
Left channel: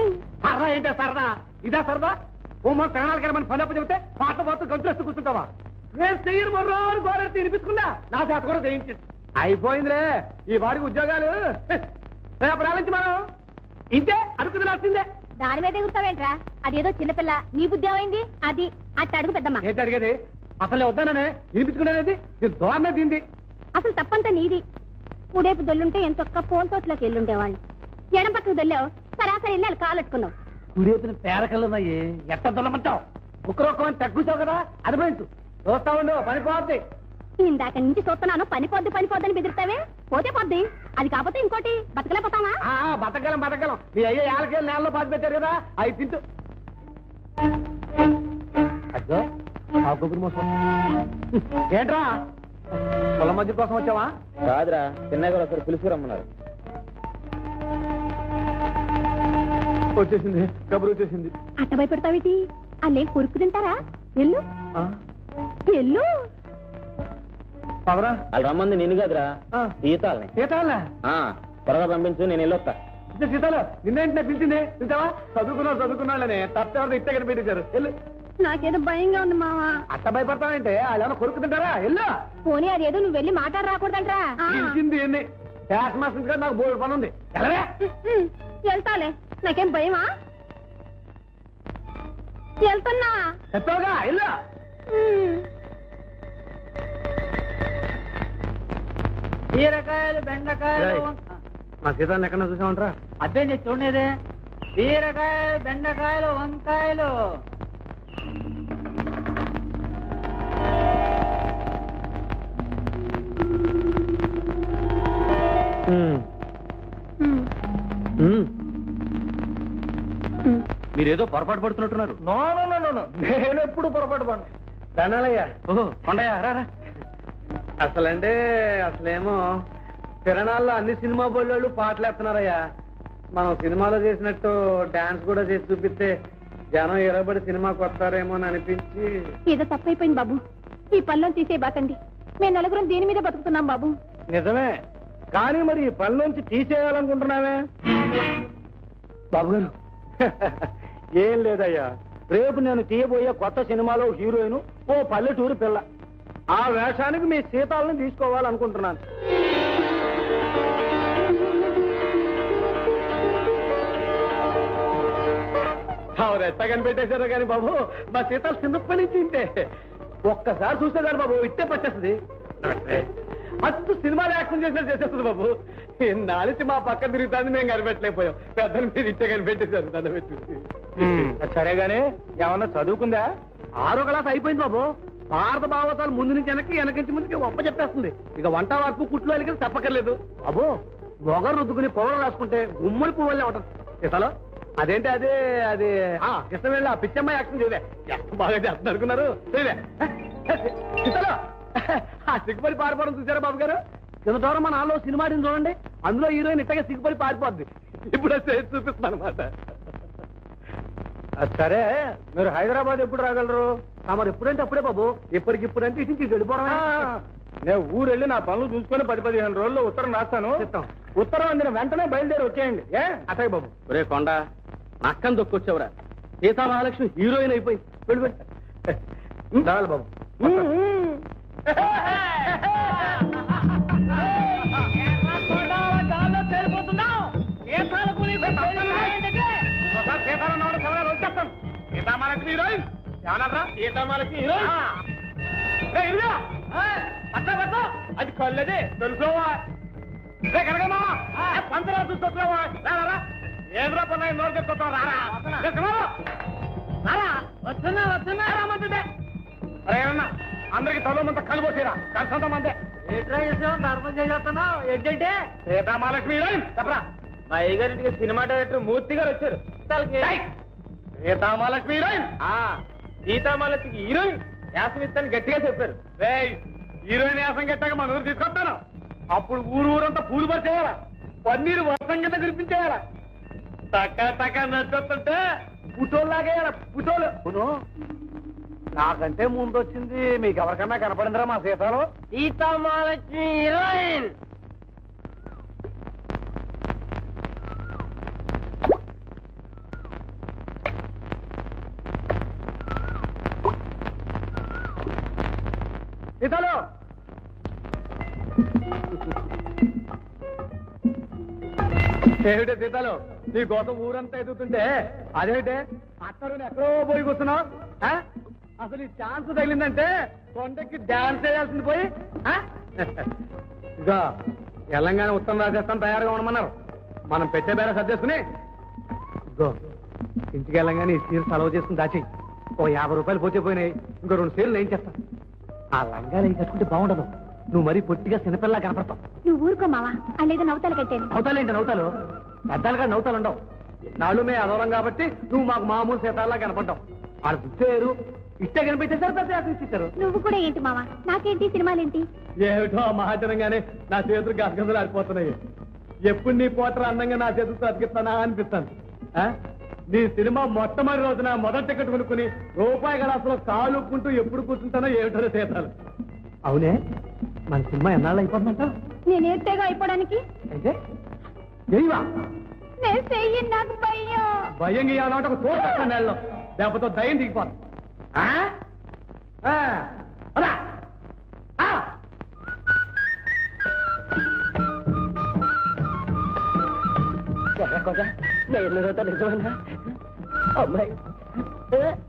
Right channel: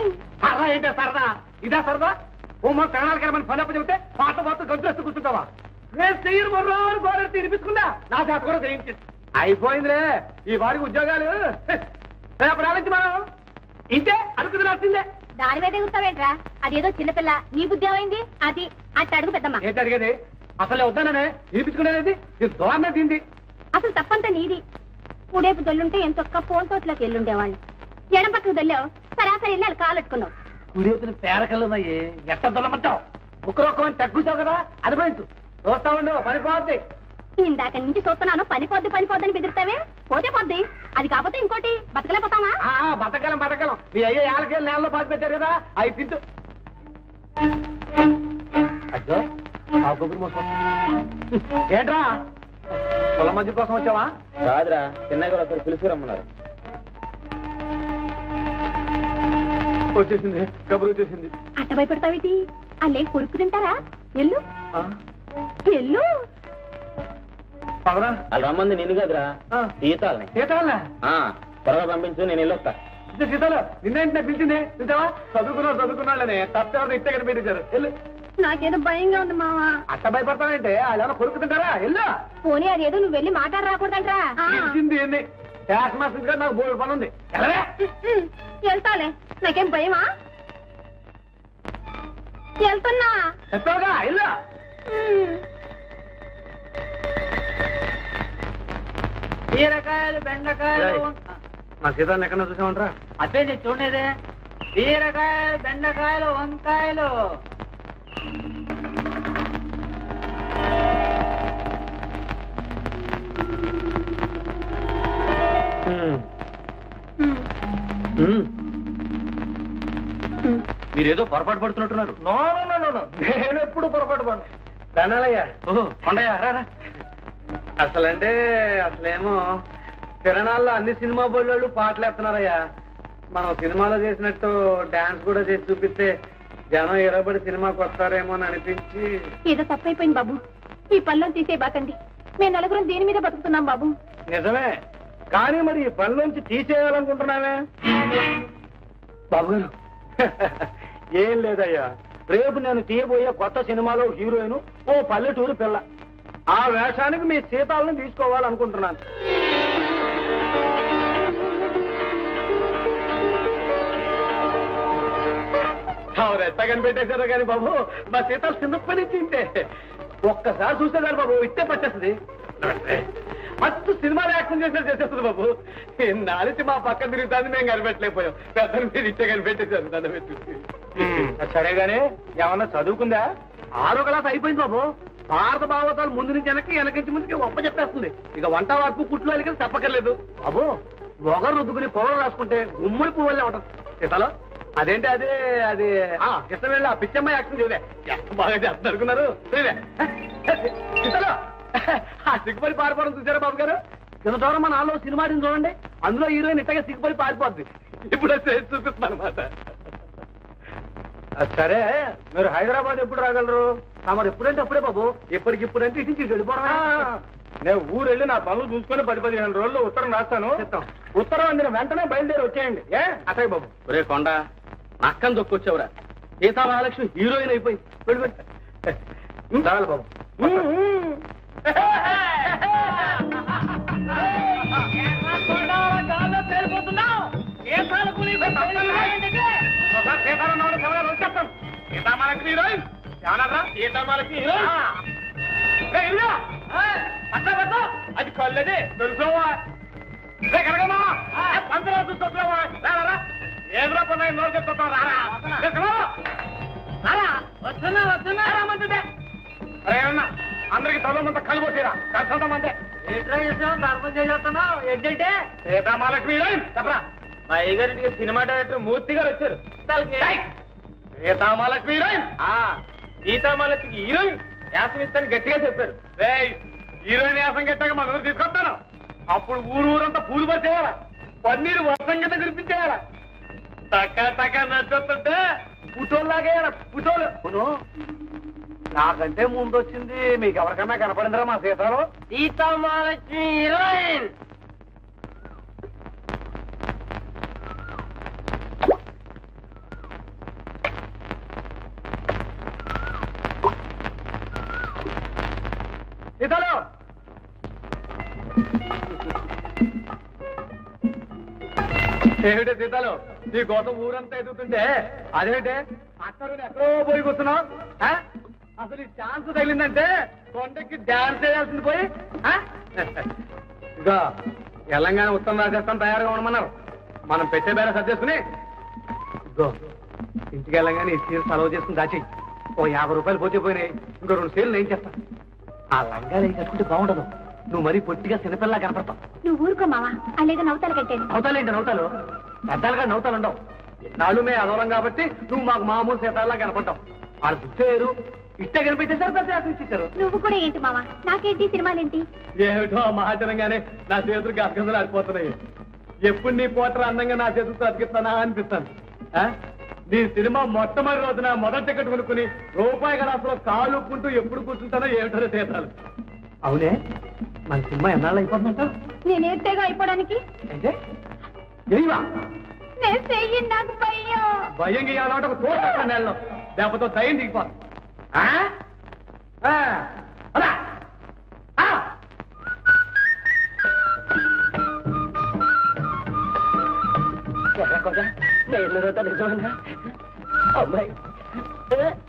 సరదా ఏంటో సరదా, ఇదే సరదా. ఓ మన ప్రాణాలకి మన పని అప్పు చెబితే పాట పోతూ గంతులేస్తూ కూర్చుంటావా? నేను చెయ్యను మొర్రోని గోడెత్తి వినిపించుకున్నా, నా చేత కూడా చేయించింది. అయిపోయిందిలే ఈ వాడికి ఉద్యోగాలు. ప్రారంభించి మనం ఇంతే అనుకుంది నచ్చిందే. దాని మీద ఎగురుతావేంట్రా? అదేదో చిన్నపిల్ల నీ బుద్ధి ఏమైంది? అది అట్ట అడుగు పెద్దమ్మ. ఏంటి అడిగేది? అసలు వద్దాననే వినిపించుకునేది నేను దోరణ తింది. అసలు తప్పంతా నీది. ఉడేపు దొల్లుంటే ఎంతొక్క ఫోన్ తోటలోకి వెళ్ళుండేవాడిని. ఎడం పక్కకు దొల్లావు, సరాసరి వెళ్ళి వాళ్ళు కాలెట్టుకున్నావు. కుడేతులు పేరకల్లన్నాయి, ఎట్ట దొల్లమంటావు? ఒక్కరొక్కని తగ్గుతావు కదా, అనుభవించు. చూస్తా ఉండు పనిపోద్ది. ఇందాక నుంచి చూస్తున్నాను పనిపోద్దని బెదిరిస్తావే. పోతే పోద్ది, అది కాకపోతే ఇంకోటి బతకలేకపోతావా? బతకలం మీ అయ్యే ఏళ్ళకేళ్ళు నేలలో బాధ పెట్టారు కదా, అవి తింటూ. అయ్యో ఏంట్రా పొల మధ్య కోసం వచ్చావా? రాదురా, చిన్నగా ఒకరు పిలిచి రమ్మన్నారు. వచ్చేసింది, కబురు వచ్చేసింది. అట్ట భయపెడతావేటి? అల్లే కొరుకు తింటారా? ఎల్లు ఎల్లు. పవరా వాళ్ళు రమ్మంది నేను కదరా, సీతాలు. సీతాలా? త్వరగా పంపించు, నేను వెళ్ళొస్తా. సీతాలు నిన్నేంటే పిలిచింది చూసావా? చదువుకున్నానే తప్పేవాళ్ళు ఇట్ట ఇక్కడ పెట్టించారు. వెళ్ళు. నాకేదో భయంగా ఉంది మావా. అట్ట భయపడతావంటే అదేమన్నా కొరుకుతుంటారా? వెళ్ళు. పోనీ అదేదో నువ్వు వెళ్ళి మాట్లాడి రాకూడదంట్రా. పిలిచింది ఎన్ని క్లాస్ మాస్టర్ గారు నాకు బోర్డు పని ఉంది. వెళ్ళరే. వెళ్తాలే, నాకేం భయమా? వెళ్తున్నా. చెప్పావుగా వెళ్ళు. బీరకాయలు బెండకాయలు మా సీతాన్ని ఎక్కడ చూసామంటారా? అదే నేను చూడలేదే. బీరకాయలు బెండకాయలు వంకాయలు. మీరేదో పొరపాటు పడుతున్నట్టున్నారు. No no no no no, నేను ఎప్పుడు పొరపాటు పడను. దండాలయ్యా. ఓహో కొండయ్య రా. అసలంటే అసలేమో తిరణాల్లో అన్ని సినిమా బోళ్ళు పాటలు వేస్తున్నారయ్యా. మనం సినిమాలో చేసినట్టు డాన్స్ కూడా చేసి చూపిస్తే జనం ఎరబడి సినిమాకి వస్తారేమో అని అనిపించి. ఏదో తప్పైపోయింది బాబు, ఈ పనిలో తీసే బాకండి. మేము నలుగురం దీని మీద బతుకుతున్నాం బాబు. నిజమే, కానీ మరి ఈ పని నుంచి తీసేయాలనుకుంటున్నావే బాబు గారు. ఏం లేదయ్యా, రేపు నేను తీయబోయే కొత్త సినిమాలో హీరోయిన్ ఓ పల్లెటూరు పిల్ల. ఆ వేషానికి మీ సీతాలను తీసుకోవాలనుకుంటున్నాను. ఎంత కనిపెట్టేశారు కానీ బాబు, మా సీతాలు చిన్నప్పటి నుంచి ఇంతే. ఒక్కసారి చూసేదాన్ని బాబు ఇట్టే పట్టేస్తుంది. మస్తు సినిమాలు యాక్షన్ చేసేస్తుంది బాబు. నాలిసి మా పక్క తిరుగుతాన్ని మేము కనిపెట్టలేకపోయాం. పెద్దలు మీరు ఇట్టే కనిపెట్టేశారు దాన్ని పెట్టి. సరేగానే ఏమన్నా చదువుకుందా? 6వ క్లాస్ అయిపోయింది బాబు. భారత భావతాలు ముందు నుంచి వెనకించి ముందుకి ఒప్ప చెప్పేస్తుంది. ఇక వంట వరకు కుట్లు వెలిగి తప్పక్కర్లేదు బాబు. మొగరు రుద్దుకుని పొగలు రాసుకుంటే గుమ్మడి పువ్వులే ఉంటుంది సీతలో. అదేంటి అదే అది ఇష్టం వెళ్ళి ఆ పిచ్చమ్మ యాక్షన్ చూడే బాగా చేస్తుంది అనుకున్నారు. ఆ సిగ్గుపడి పారిపోవడం చూసారా బాబు గారు? ఎదుటోరం మన నాలో సినిమా చూడండి, అందులో హీరోయిన్ ఇట్టగా సిగ్గుపడి పారిపోద్ది. ఇప్పుడు చూపిస్తున్నాను అనమాట. సరే, మీరు హైదరాబాద్ ఎప్పుడు రాగలరు? మరి ఎప్పుడంటే అప్పుడే బాబు. ఇప్పటికిప్పుడంటే ఇటు నుంచి వెళ్ళిపోవడం. నేను ఊరు వెళ్ళి నా పనులు చూసుకొని 10-15 రోజుల్లో ఉత్తరం రాస్తాను. ఉత్తరం అందిన వెంటనే బయలుదేరి వచ్చేయండి. అటాయ్ బాబు. ఒరే కొండ, నక్కని దొక్కొచ్చావురా. సీతా మహాలక్ష్మి హీరోయిన్ అయిపోయింది. వెళ్ళిపోయి చాలు బాబు. సీతామహాలక్ష్మి హీరోయిన్ ఏమన్నారా? సీతామహాలక్ష్మి హీరోయిన్ అది కళ్ళదే తెలుసుకోవా? పంతలా చూసుకోవా? ఏమరా పన్నా రోజు చెప్తా అందరికి తల్లుమంతా కలిపోతీరా కలిసంత మందే. ఏంటంటే సీతామహాలక్ష్మి హీరోయిన్ చెప్పరా? మా అయ్యగారింటికి సినిమా డైరెక్టర్ మూర్తి గారు వచ్చారు. సీతామహాలక్ష్మి హీరోయిన్ సీతామహాలక్ష్మికి హీరోయిన్ యాసం ఇస్తాను గట్టిగా చెప్పారు. హీరోయిన్ యాసం గట్టాక మన ఊరు తీసుకొస్తాను. అప్పుడు ఊరంతా పూలు పట్టేయాలా, పన్నీరు వర్షం కింద కురిపించేయాలా. టక్క నచ్చుతుంటే పుటోలు లాగేయాల. పుటోలు నాకంటే ముందు వచ్చింది మీకు ఎవరికన్నా కనపడిందిరా మా సీతాలు? సీతామహాలక్ష్మి హీరోయిన్ సీతాలు. ఏమిటే సీతాలు, నీ కోసం ఊరంతా ఎదుగుతుంటే అదేంటే అత్తలు ఎక్కడో పోయి కూర్చున్నావు? అసలు ఈ ఛాన్స్ తగిలిందంటే కొండకి డాన్స్ చేయాల్సింది పోయి. ఇక తెలంగాణ ఉత్తరం రాజస్థాన్ తయారుగా ఉండమన్నారు. మనం పెట్టే బేర సర్దేసుకుని ఇంటికి వెళ్ళంగానే ఈ సీలు సెలవు చేసుకుని దాచి ఓ 50 రూపాయలు పోతే పోయినాయి. ఇంకో 2 సీలు ఏం చేస్తాను. ఆ లంగాలు ఏం కట్టుకుంటే బాగుండదు. నువ్వు మరీ పొట్టిగా చిన్నపిల్లలా కనపడతావు. నువ్వు ఊరుకో మావా, అలాగే నవ్వుతాలు కట్టేది. నవ్వుతాలేంటి? నవ్వుతాలు పెద్దలుగా నవ్వుతాలు ఉండవు. నాళ్ళు మే అదవరం కాబట్టి నువ్వు మాకు మామూలు సీతాల్లా కనపడ్డావు. వాళ్ళు చూసేరు ఇట్టే కనిపించేసారు. పెద్ద ఇచ్చారు. నువ్వు కూడా ఏంటి మావా, నాకేంటి సినిమాలేంటి? ఏమిటో మహాచరంగానే నా చేతులు గసగసలు ఆడిపోతున్నాయి. ఎప్పుడు నీ పోటర్ అందంగా నా చేతులతో అతికిస్తానా అనిపిస్తాను. నీ సినిమా మొట్టమొదటి రోజున మొదటి టికెట్ కొనుక్కుని రూపాయి గలాసులో కాలు ఉప్పుకుంటూ ఎప్పుడు కూర్చుంటానో ఏమిటో సీతాలు. అవునే, మన సినిమా ఎన్నాళ్ళు అయిపోతుందంట? నేనే తెగ అయిపోవడానికి అయితే తెలియవా? నేను చెయ్యి, నాకు భయం. భయం గీయాలంటే ఒక తోట నెలలో లేకపోతే దయ్యం దిగిపోతుంది.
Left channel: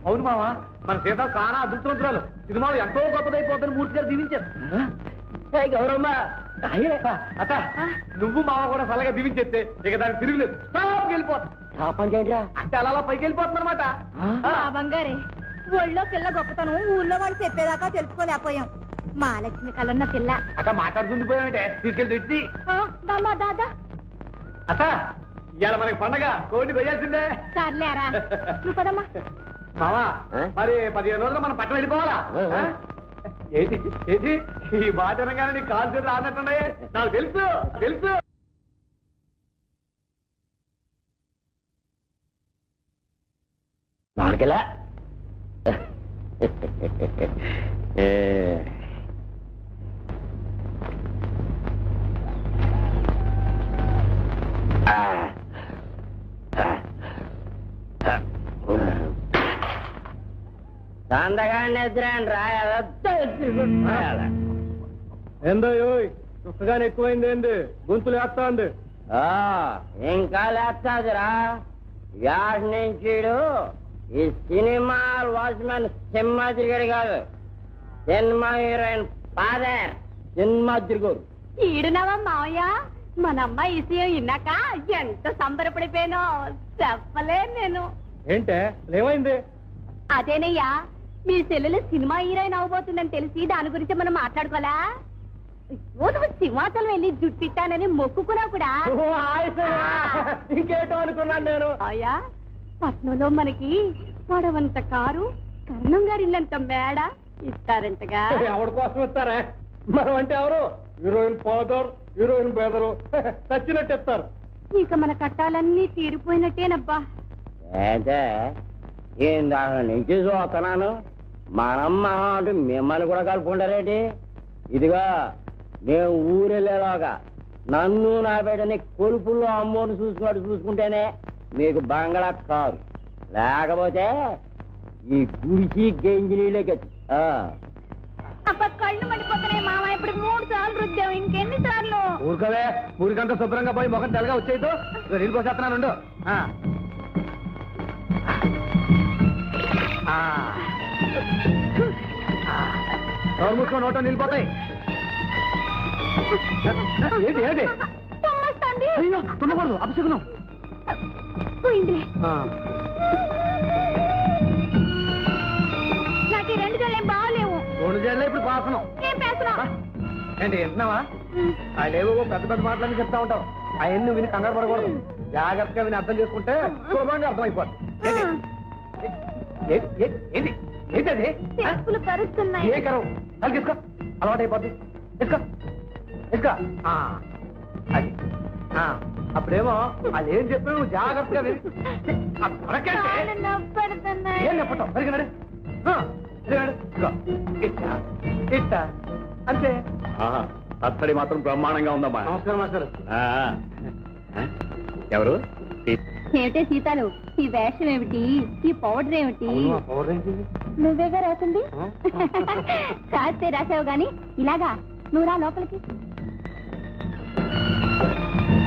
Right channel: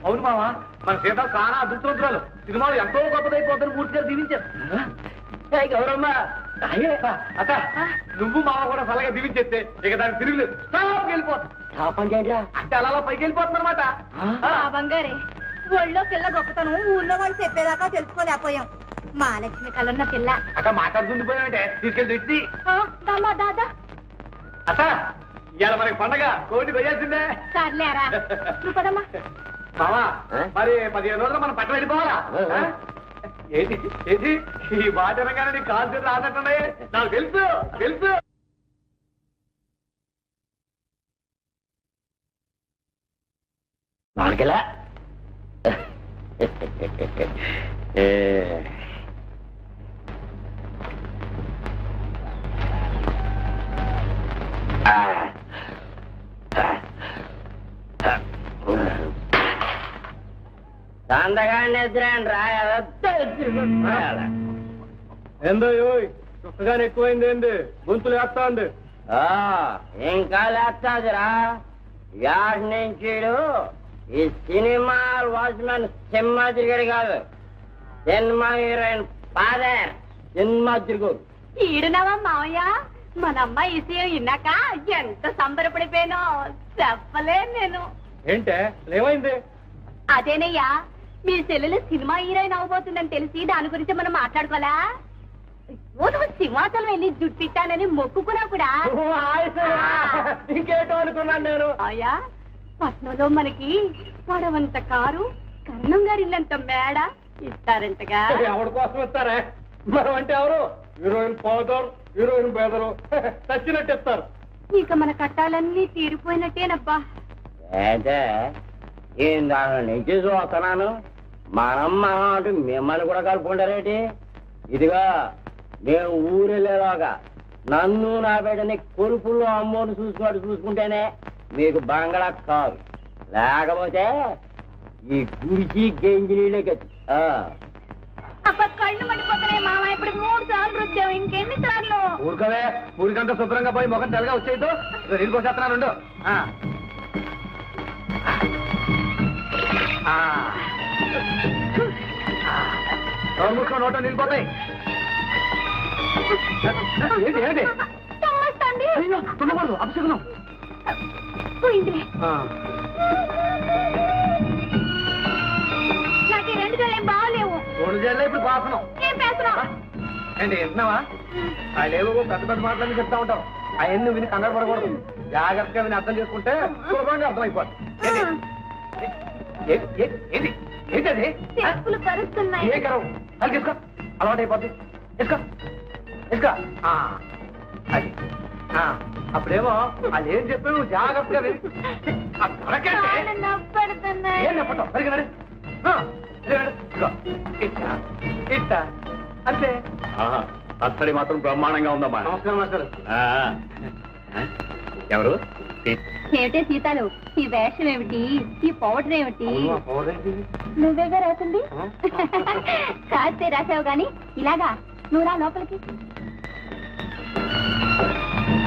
అవును మావా, మన సీత చాలా అదృష్టవంతురాలు. సినిమాలు ఎంతో గొప్పదైపోతుంది మూర్తి గారు దీవించారు. గౌరమ్మ అత్త, నువ్వు మావ కూడా చల్లగా దీవించేస్తే ఇక దానికి తిరుగులేదు. వెళ్ళిపోతుంది అంటే అలా పైకి వెళ్ళిపోతుంది అనమాట. బంగారే, ఊళ్ళో పిల్ల గొప్పతనం ఊళ్ళో వాళ్ళు చెప్పేదాకా తెలుసుకోలేకపోయాం. మహాలక్ష్మి కలన్న పిల్ల అట్లా మాట్లాడుతుంది పోయామంటే తీసుకెళ్ళి తెచ్చి దాదా అత్త ఇవాళ మనకి పండగ కోడి కొయ్యాల్సిందే. సర్లేరా నువ్వు పదమ్మా. మావా మరి 15 రోజులు మనం పక్కన వెళ్ళిపోవాలా? ఏంటి ఏంటి ఈ బాధనగానే నీ కాలు చేతులు రానట్టున్నాయే. నాకు తెలుసు తెలుసు. మాకెలా సందగాన్ని ఎదురండి రాయాల ఏందో చుక్కగానే ఎక్కువైంది ఏంది గొంతులు వేస్తా ఉంది. ఇంకా లేస్తాదిరా యాడ్ నుంచి ఈ సినిమా వాచ్మెన్ సింహాద్రిగడు కాదు, సినిమా హీరోయిన్ ఫాదర్ సింహాద్రిగడు. ఈడునవా మావయ్య, మన అమ్మాయి విషయం విన్నాక ఎంత సంబరపడిపోయానో చెప్పలే నేను. ఏంటే ఏమైంది? అదేనయ్యా, మీ చెల్లెలు సినిమా హీరోయిన్ అవబోతుందని తెలిసి దాని గురించి మనం మాట్లాడుకోవాలా? నువ్వు సింహాచలం వెళ్ళి జుట్టిట్టానని మొక్కుకున్నావు కూడా. ఇంకేటో అనుకున్నాను నేను. అయ్యా, పట్నంలో మనకి పొడవంత కారు, కర్ణం గారినంత మేడ ఇస్తారంటగా. ఎవరి కోసం ఇస్తారా? మనం అంటే ఎవరు? హీరోయిన్ ఫాదర్, హీరోయిన్ బ్రదరు చచ్చినట్టు చెప్తారు. ఇక మన కట్టాలన్నీ తీరిపోయినట్టేనబ్బా. అంటే ఏం దాని నుంచి చూస్తున్నాను, మనమ్మ అంటే మిమ్మల్ని కూడా కలుపుకుంటారేంటి? ఇదిగా మేము ఊరెళ్ళేలాగా నన్ను నా బిడ్డని కొలుపుల్లో అమ్మోని చూసుకుంటేనే మీకు బంగళా కాదు, లేకపోతే ఈ గుడిచి గంజి నీళ్ళకి. అబ్బా, కళ్ళు పడిపోతున్నాయి మామ. ఇప్పుడు 3 సార్లు రుద్దాం, ఇంకెన్ని సార్లు? ఊరుకవే, ఊరికంతా శుభ్రంగా పోయి ముఖం తెల్లగా వచ్చేయతో నీళ్ళు పోసేస్తున్నాను. మూసుకో, నోట్లో నిలిపోతాయి. ఏంటి ఏంటి? తుమ్మొస్తోంది. అయ్యో, తుమ్మకూడదు, అపశకునం. పోయింది. నాకు ఈ 2 జల్లేం బాగలేవు. 3 జల్లే ఇప్పుడు పాసనం. ఏం పేస్తున్నావు? ఏంటి వింటున్నావా? అదేవో పెద్ద పెద్ద మాటలని చెప్తా ఉంటావు. అవన్నీ విని కంగారు పడకూడదు. జాగ్రత్తగా విని అర్థం చేసుకుంటే శుభ్రంగా అర్థమైపోతుంది. ఏంటి ఏంటది? చెప్పులు కరుస్తున్నాయి. ఏ కరం? అది తీసుకో, అలవాటు అయిపోద్ది. తీసుకో తీసుకో. అది అప్పుడేమో అదేం చెప్పావు జాగ్రత్తగా విని. కాళ్ళు నొప్పెడుతున్నాయి. ఏం చెప్పటం పరిగినాడు ఇట్టా అంతే. అత్తడి మాత్రం బ్రహ్మాండంగా ఉందమ్మా. నమస్కారం మాస్టర్. ఎవరు? ఏమిటే సీతాలు, ఈ వేషం ఏమిటి, ఈ పౌడర్ ఏమిటి? నువ్వేగా రాసింది. కాస్తే రాసావు గాని ఇలాగా నువ్వు రా లోపలికి.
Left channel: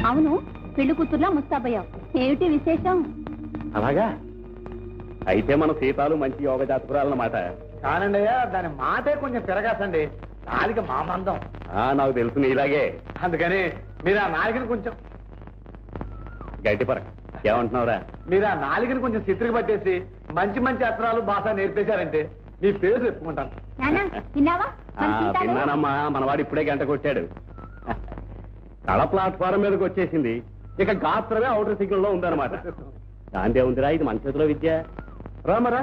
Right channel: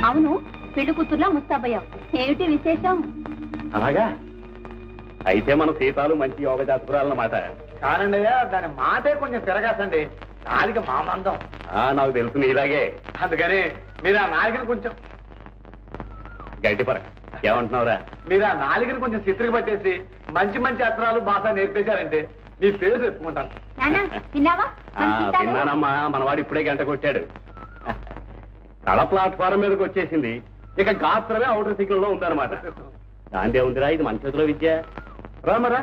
అవును, పెళ్లి కూతుర్లా ముస్తాబయ్యావు, ఏమిటి విశేషం? అలాగా అయితే మన సీతాలు మంచి యోగ జాతకురాలన్నమాట. కానండి, దాని మాటే కొంచెం తిరగాసండి. నాలుక మా మందం. నాకు తెలుసు ఇలాగే. అందుకని మీరు ఆ నాలుకని కొంచెం గట్టి పరక. ఏమంటున్నావురా? మీరు ఆ నాలుకని కొంచెం చిత్రికి పట్టేసి మంచి మంచి అక్షరాలు భాష నేర్పేశారంటే మీ పేరు చెప్పుకుంటాను. నాన్న, విన్నావా? మన సీతాలు విన్నానమ్మా, మనవాడు ఇప్పుడే గంట కొట్టాడు. కళ ప్లాట్ఫారం మీదకి వచ్చేసింది. ఇక గాత్రమే అవుటర్ సిగ్నల్లో ఉందన్నమాట. దాందే ఉందిరా, ఇది మన చేతిలో విద్య. రామరా,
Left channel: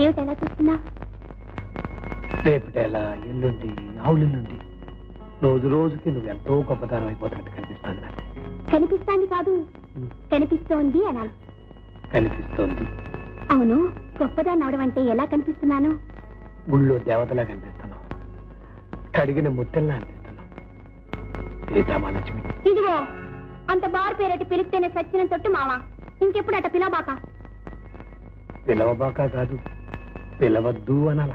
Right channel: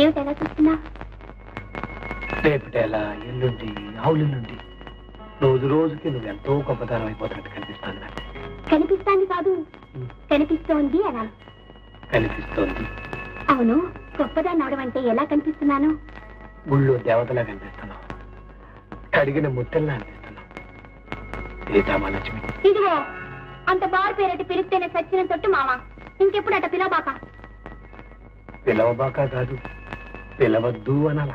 ఏమిటి ఎలా చూస్తున్నా? రేపటేలా ఎల్లుండి ఆవులెల్లుండి రోజు రోజుకి నువ్వు ఎంతో గొప్పతనం అయిపోతున్నట్టు కనిపిస్తుంది నాకు. కనిపిస్తాను కాదు, కనిపిస్తోంది అనాలి. కనిపిస్తోంది. అవును, గొప్పదాన్ని అవడం అంటే ఎలా కనిపిస్తున్నాను? గుళ్ళో దేవతలా కనిపిస్తున్నావు, కడిగిన ముద్దల్లా అనిపిస్తున్నావు. సీతామహాలక్ష్మి. ఇదిగో, అంత బారు పేరటి పిలిస్తేనే సచ్చిన తొట్టు మావా. ఇంకెప్పుడు అట పిలబాక. పిలవబాక కాదు, పిలవద్దు అనాల.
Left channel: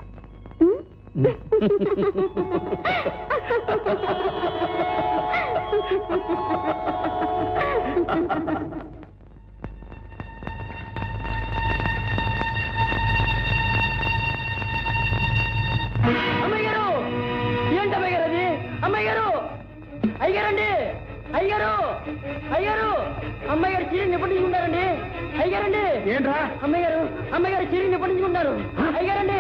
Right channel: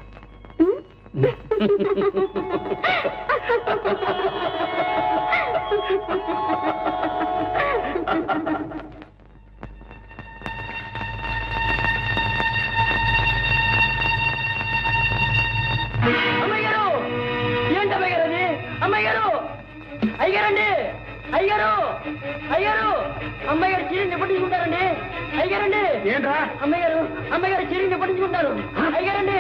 అమ్మయ్యారు, ఏంటి అమ్మయ్యారు అది? అమ్మయ్యారు, అయ్యారండి, అయ్యారు, అయ్యారు, అమ్మగారు చీరని ఎప్పటి నుంచి ఉన్నారండి? అయ్యారండి, ఏంట్రా? అమ్మగారు, అమ్మగారు చీరని ఎప్పటి నుంచి ఉన్నారు? అయ్యారండి,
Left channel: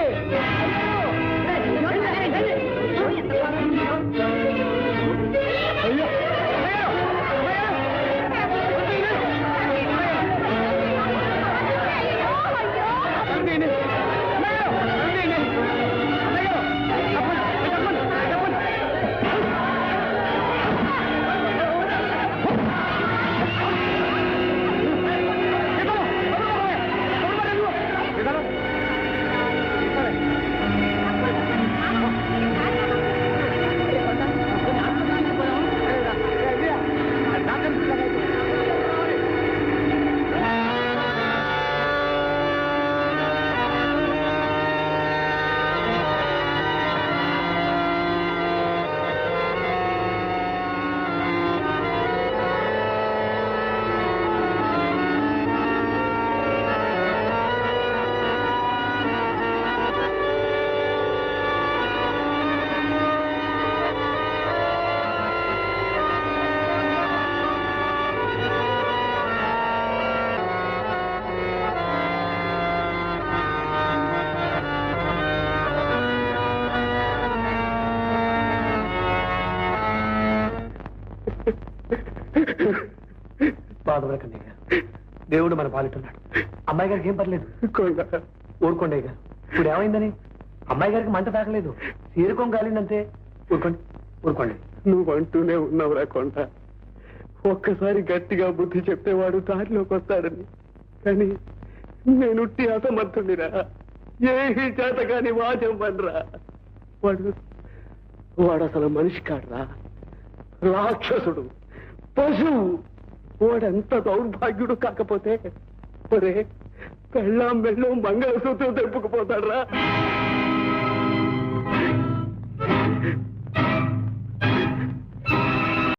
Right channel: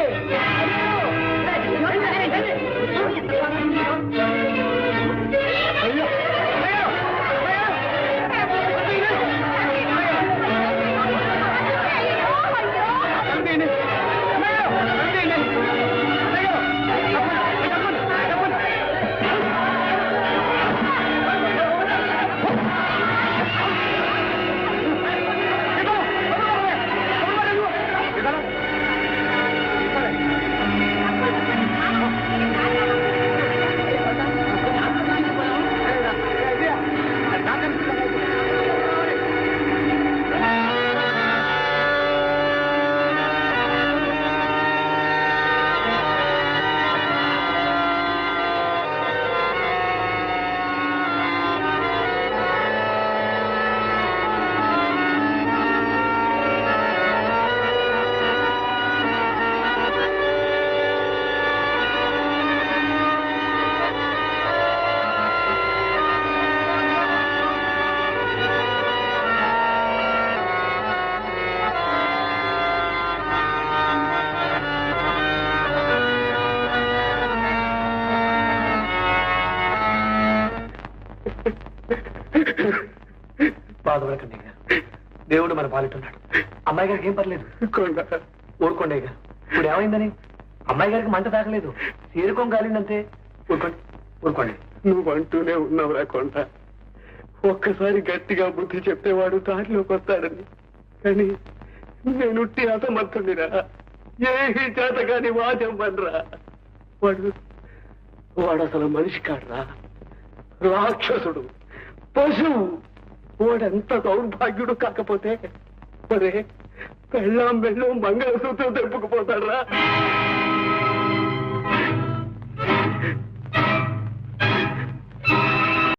బాధపడకండి గారు, దేవుడు మన పాలిట్టున్నాడు. అమ్మాయి గారికి ఏం పర్లేదు. ఊరుకోండి గారు. ఇప్పుడు ఏమైందని? అమ్మాయి గారికి మంట తాగలేదు, తీరుకోం కాలిందంతే. ఊరుకోండి ఊరుకోండి. నువ్వు అంటూనే ఉన్నావురా కొంట. ఒక్కసారి గట్టిగా బుద్ధి చెప్తే వాడు దారిలోకి వస్తాడని. కానీ నేను అసమర్థునిరా. ఏ చేత కాని వాద్యం పనిరా. వాడు అసలు మనిషి కాడరా, రాక్షసుడు, పశువు. వాడెంత దౌర్భాగ్యుడు కాకపోతే ఒరే పెళ్ళాం వెళ్ళం మంగళసూత్రం తెప్పుకుపోతాడ్రా.